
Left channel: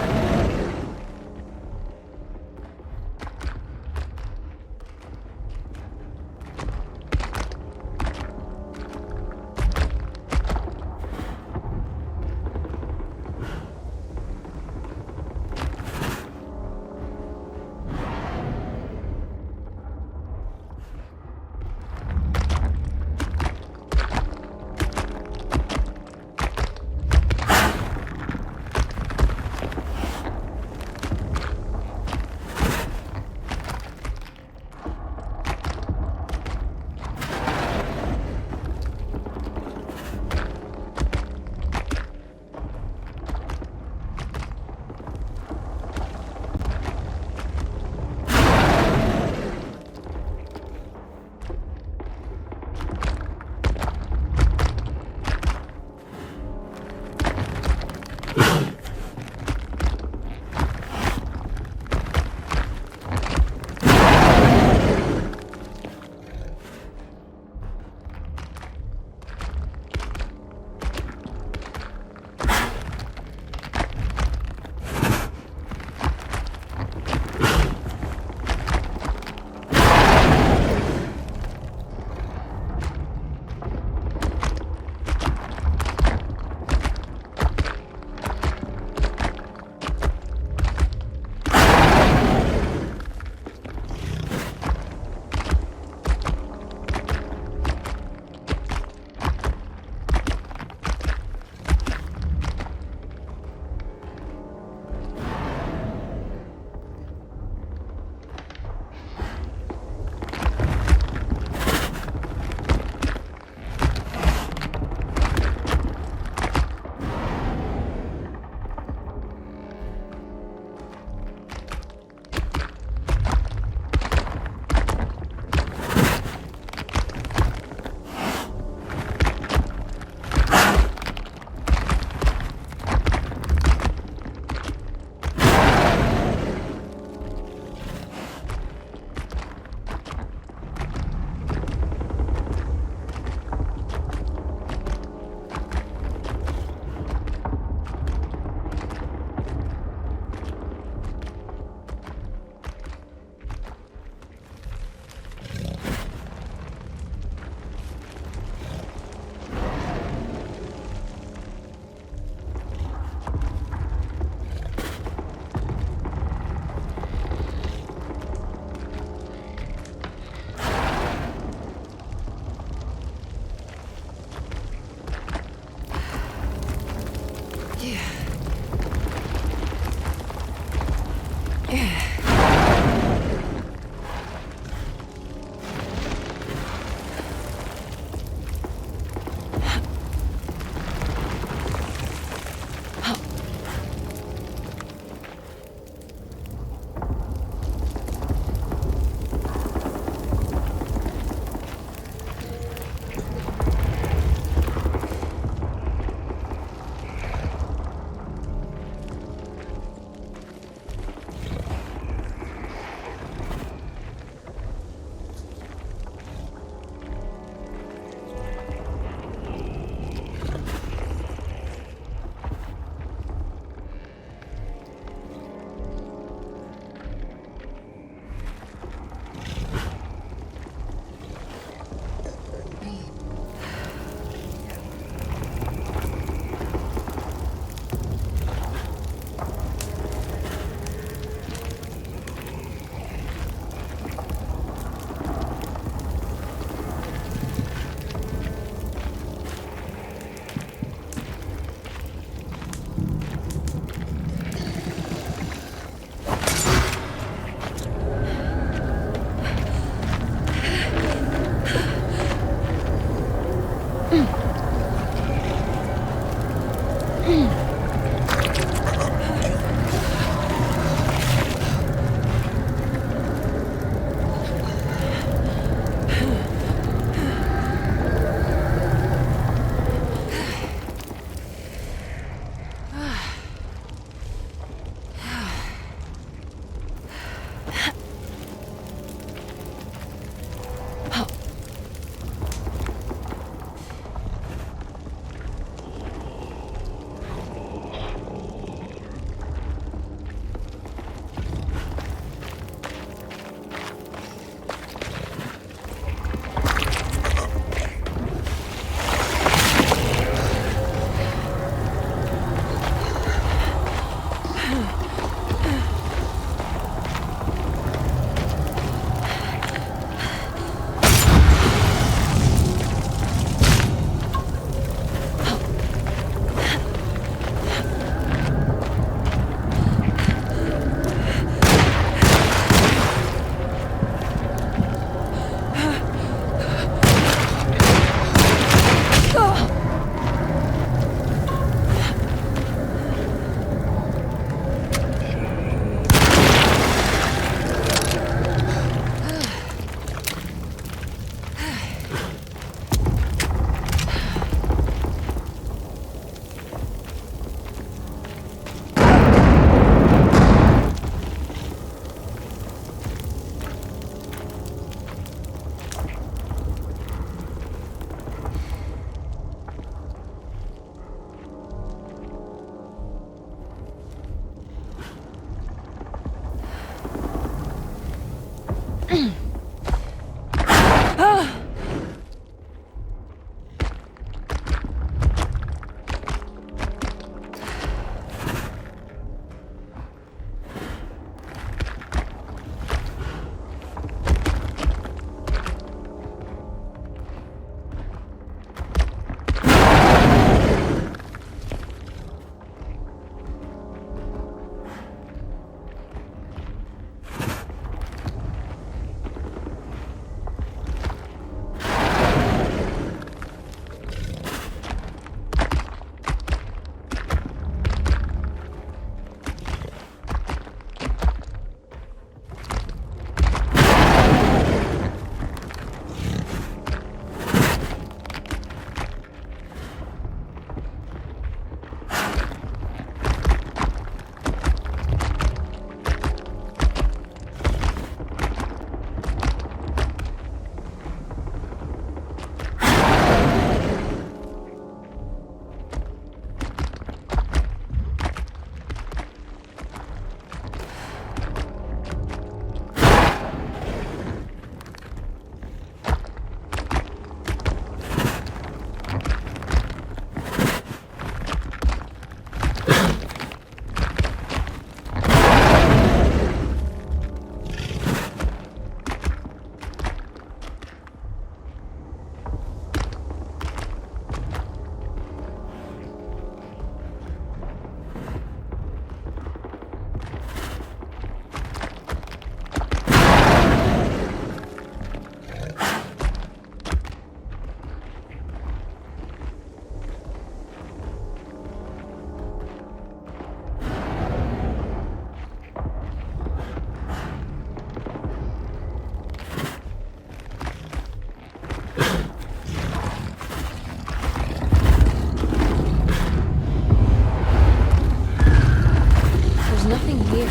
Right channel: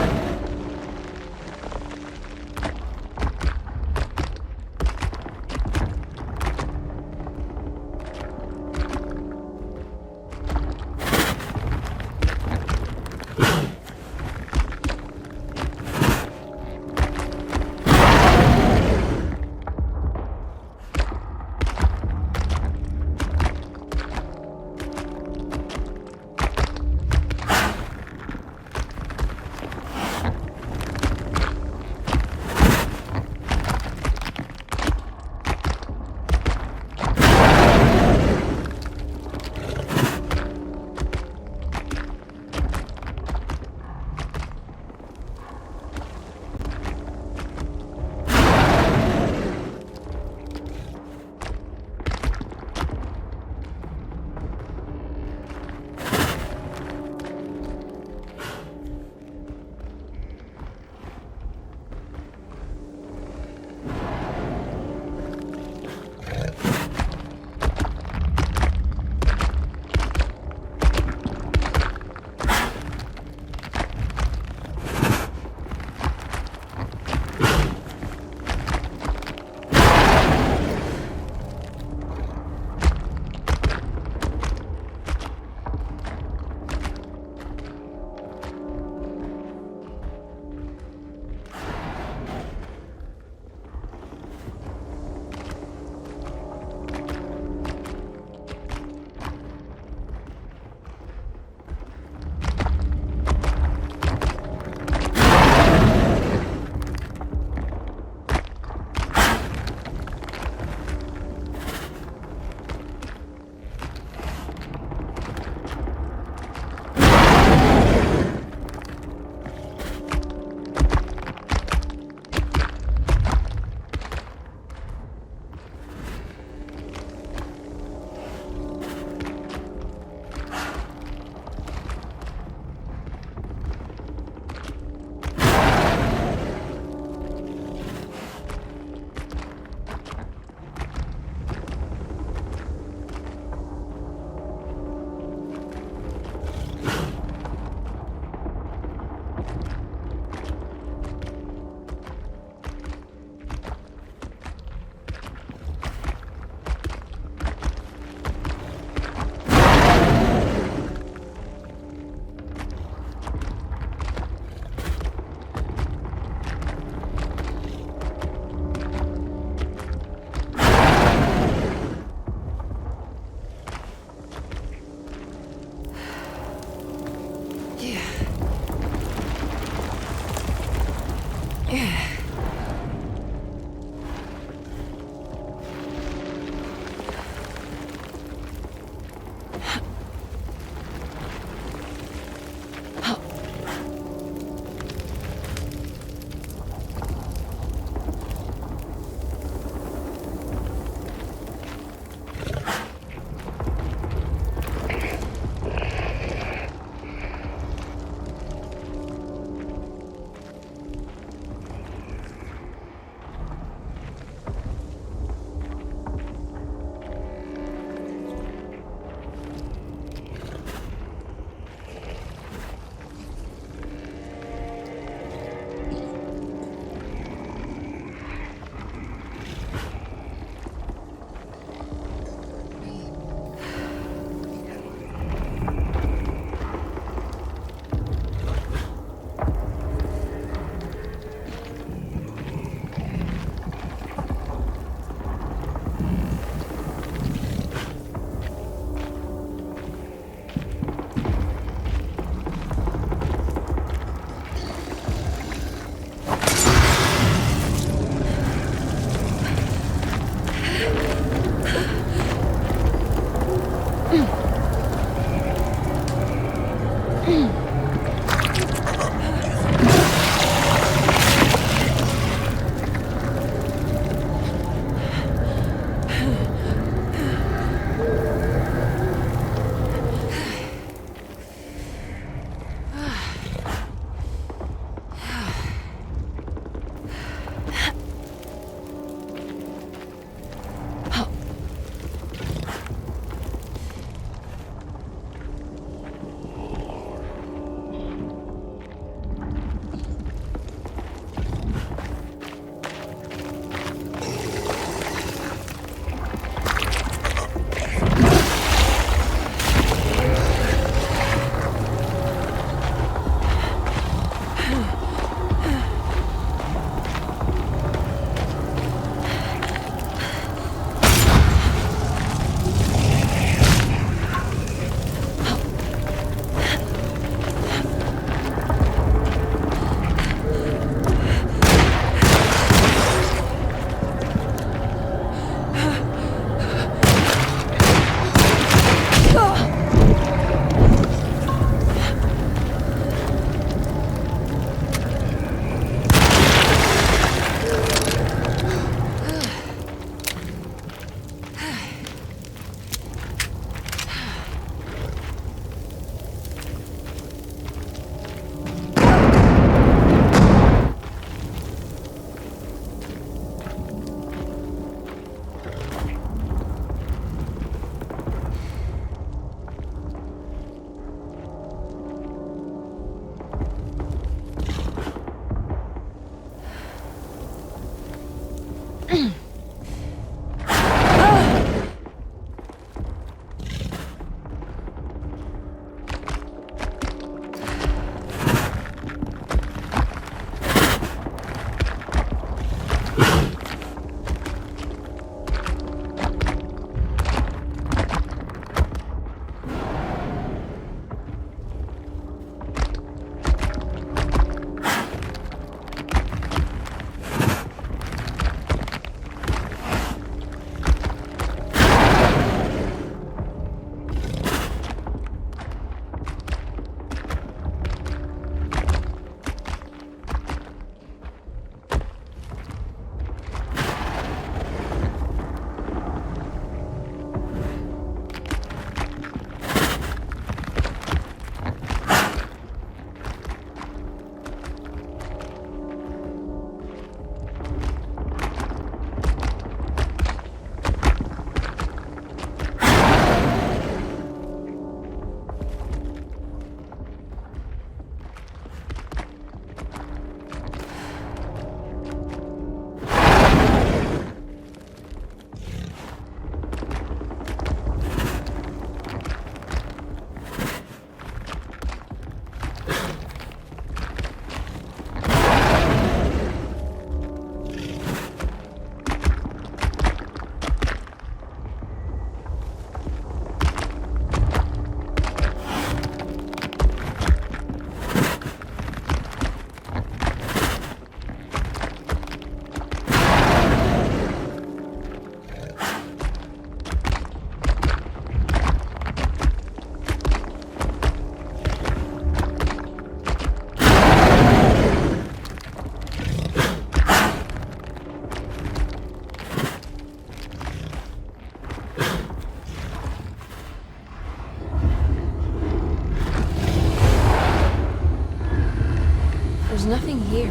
nothing here.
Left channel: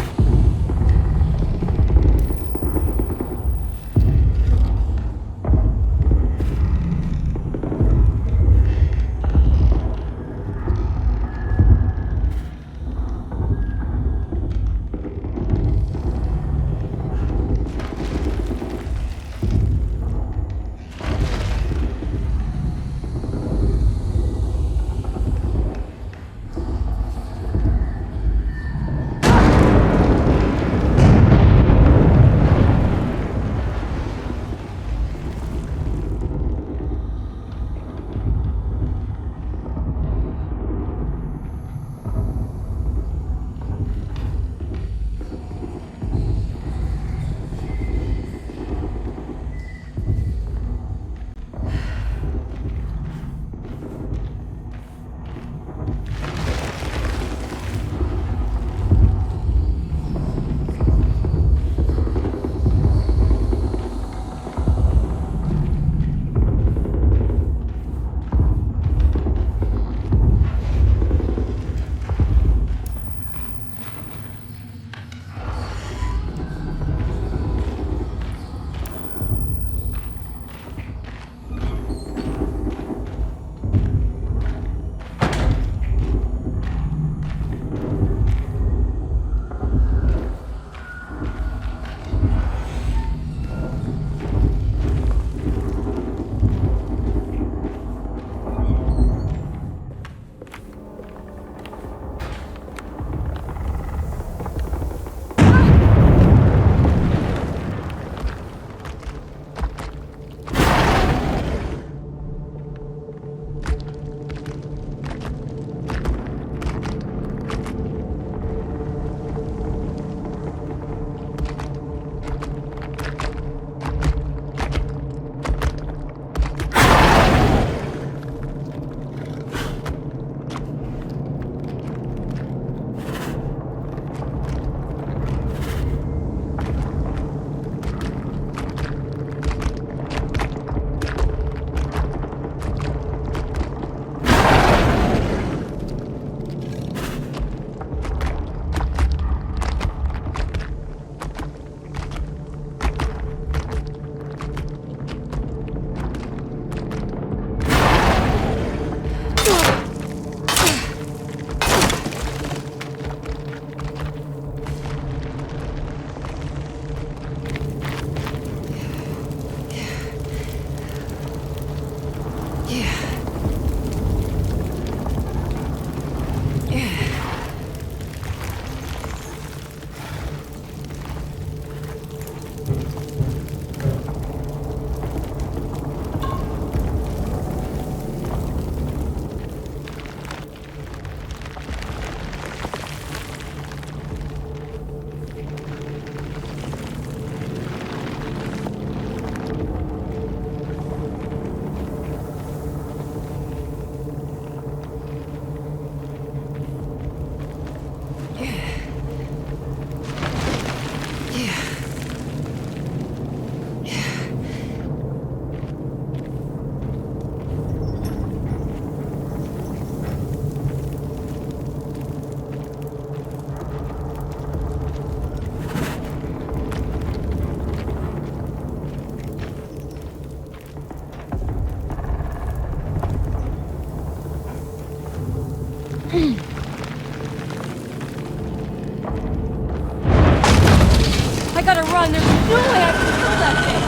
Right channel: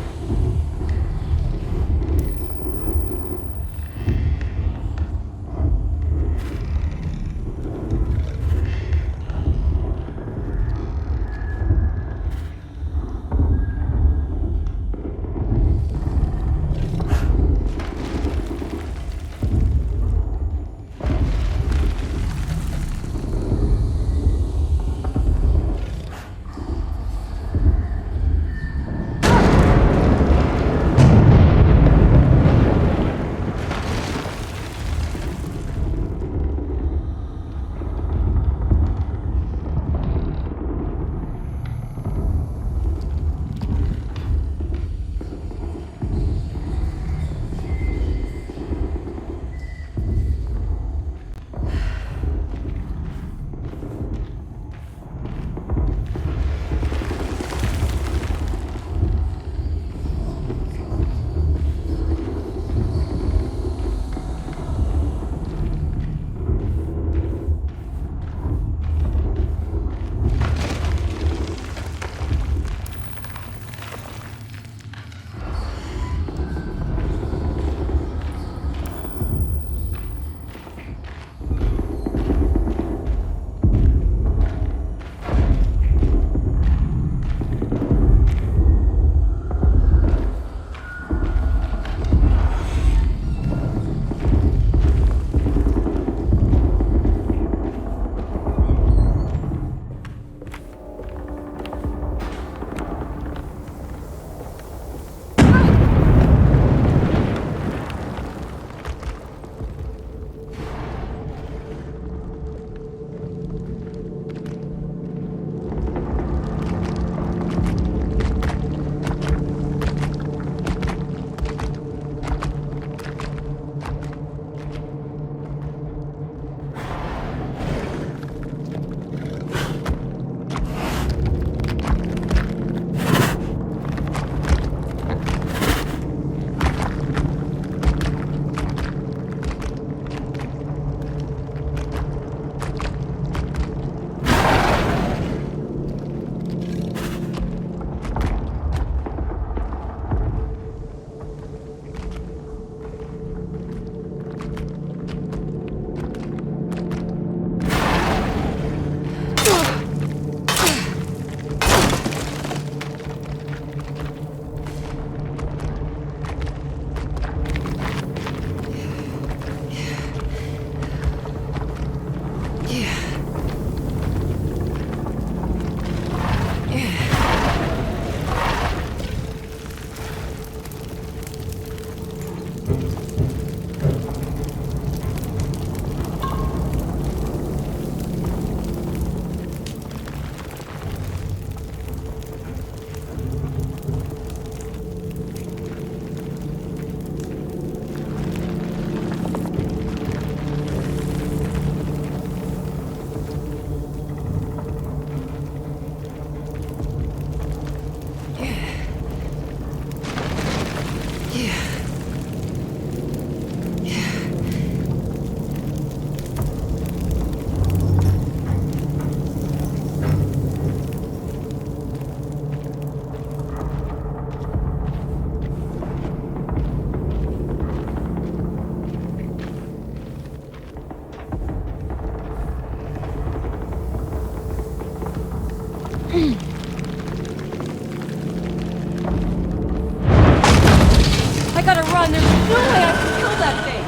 I gotta run. There's no way I can kill that thing.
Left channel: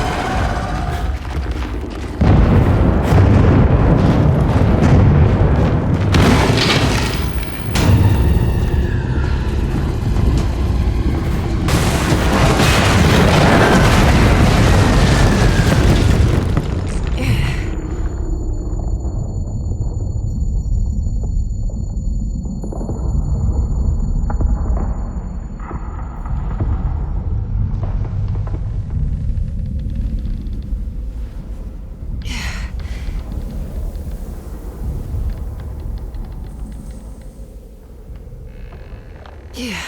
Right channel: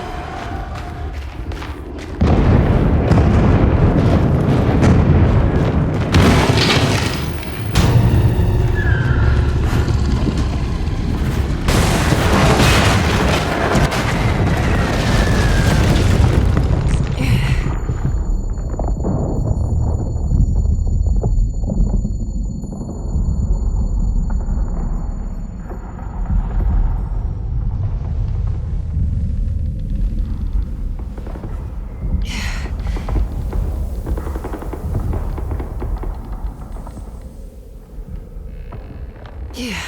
Yeah.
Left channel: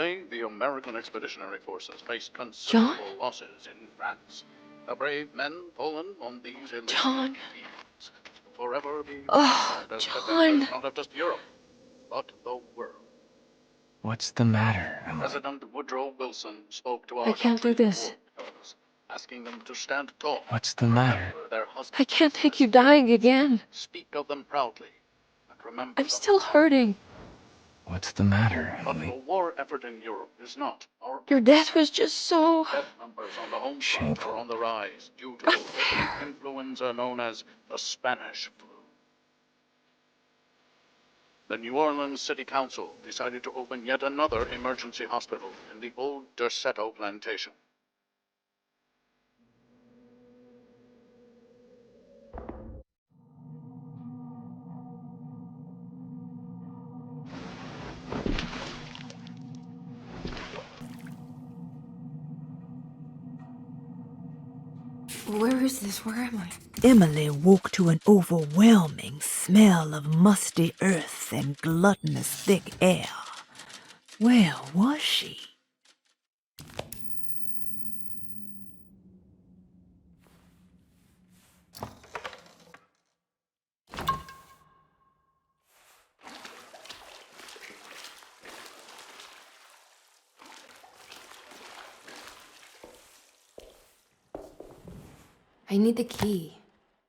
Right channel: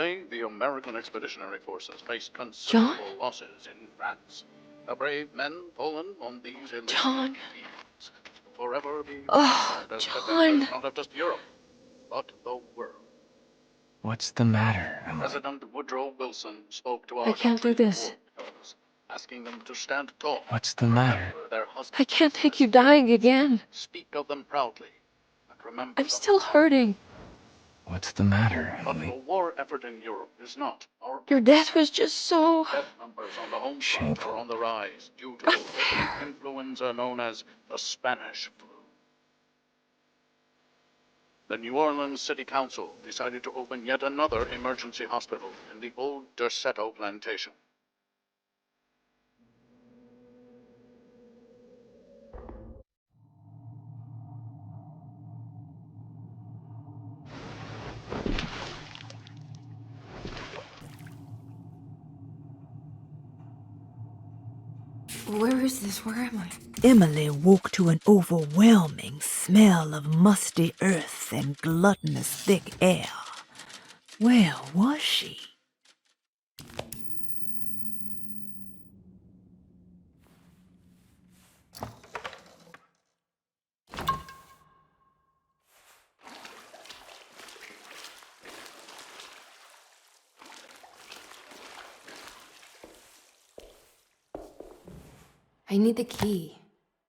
Yesterday, the American Expeditionary Forces faced considerable losses in France. The brave men fallen on these John. fields forever be Oh, as John. not of just Europe, but the world. What's the matter, Emily? President Woodrow Wilson spoke to our I can't do this. country's asking them to stand tall. What's the matter? Their husbands. I can't take you dying again. Speak of them proudly. And remember I'm them. still hurting. What's the matter, But Emily? the war effort in Europe is not our Your death was just so... death numbers on the home front are on the rise due to the influenza known as the Spanish flu. The New Orleans City Council decided to open yet another emergency hospital in the old Derceto plantation. Where is this? Where am I? Emily woke to an overwhelming smell of musty earth and gluttonous thick air. Where was she? I need the key.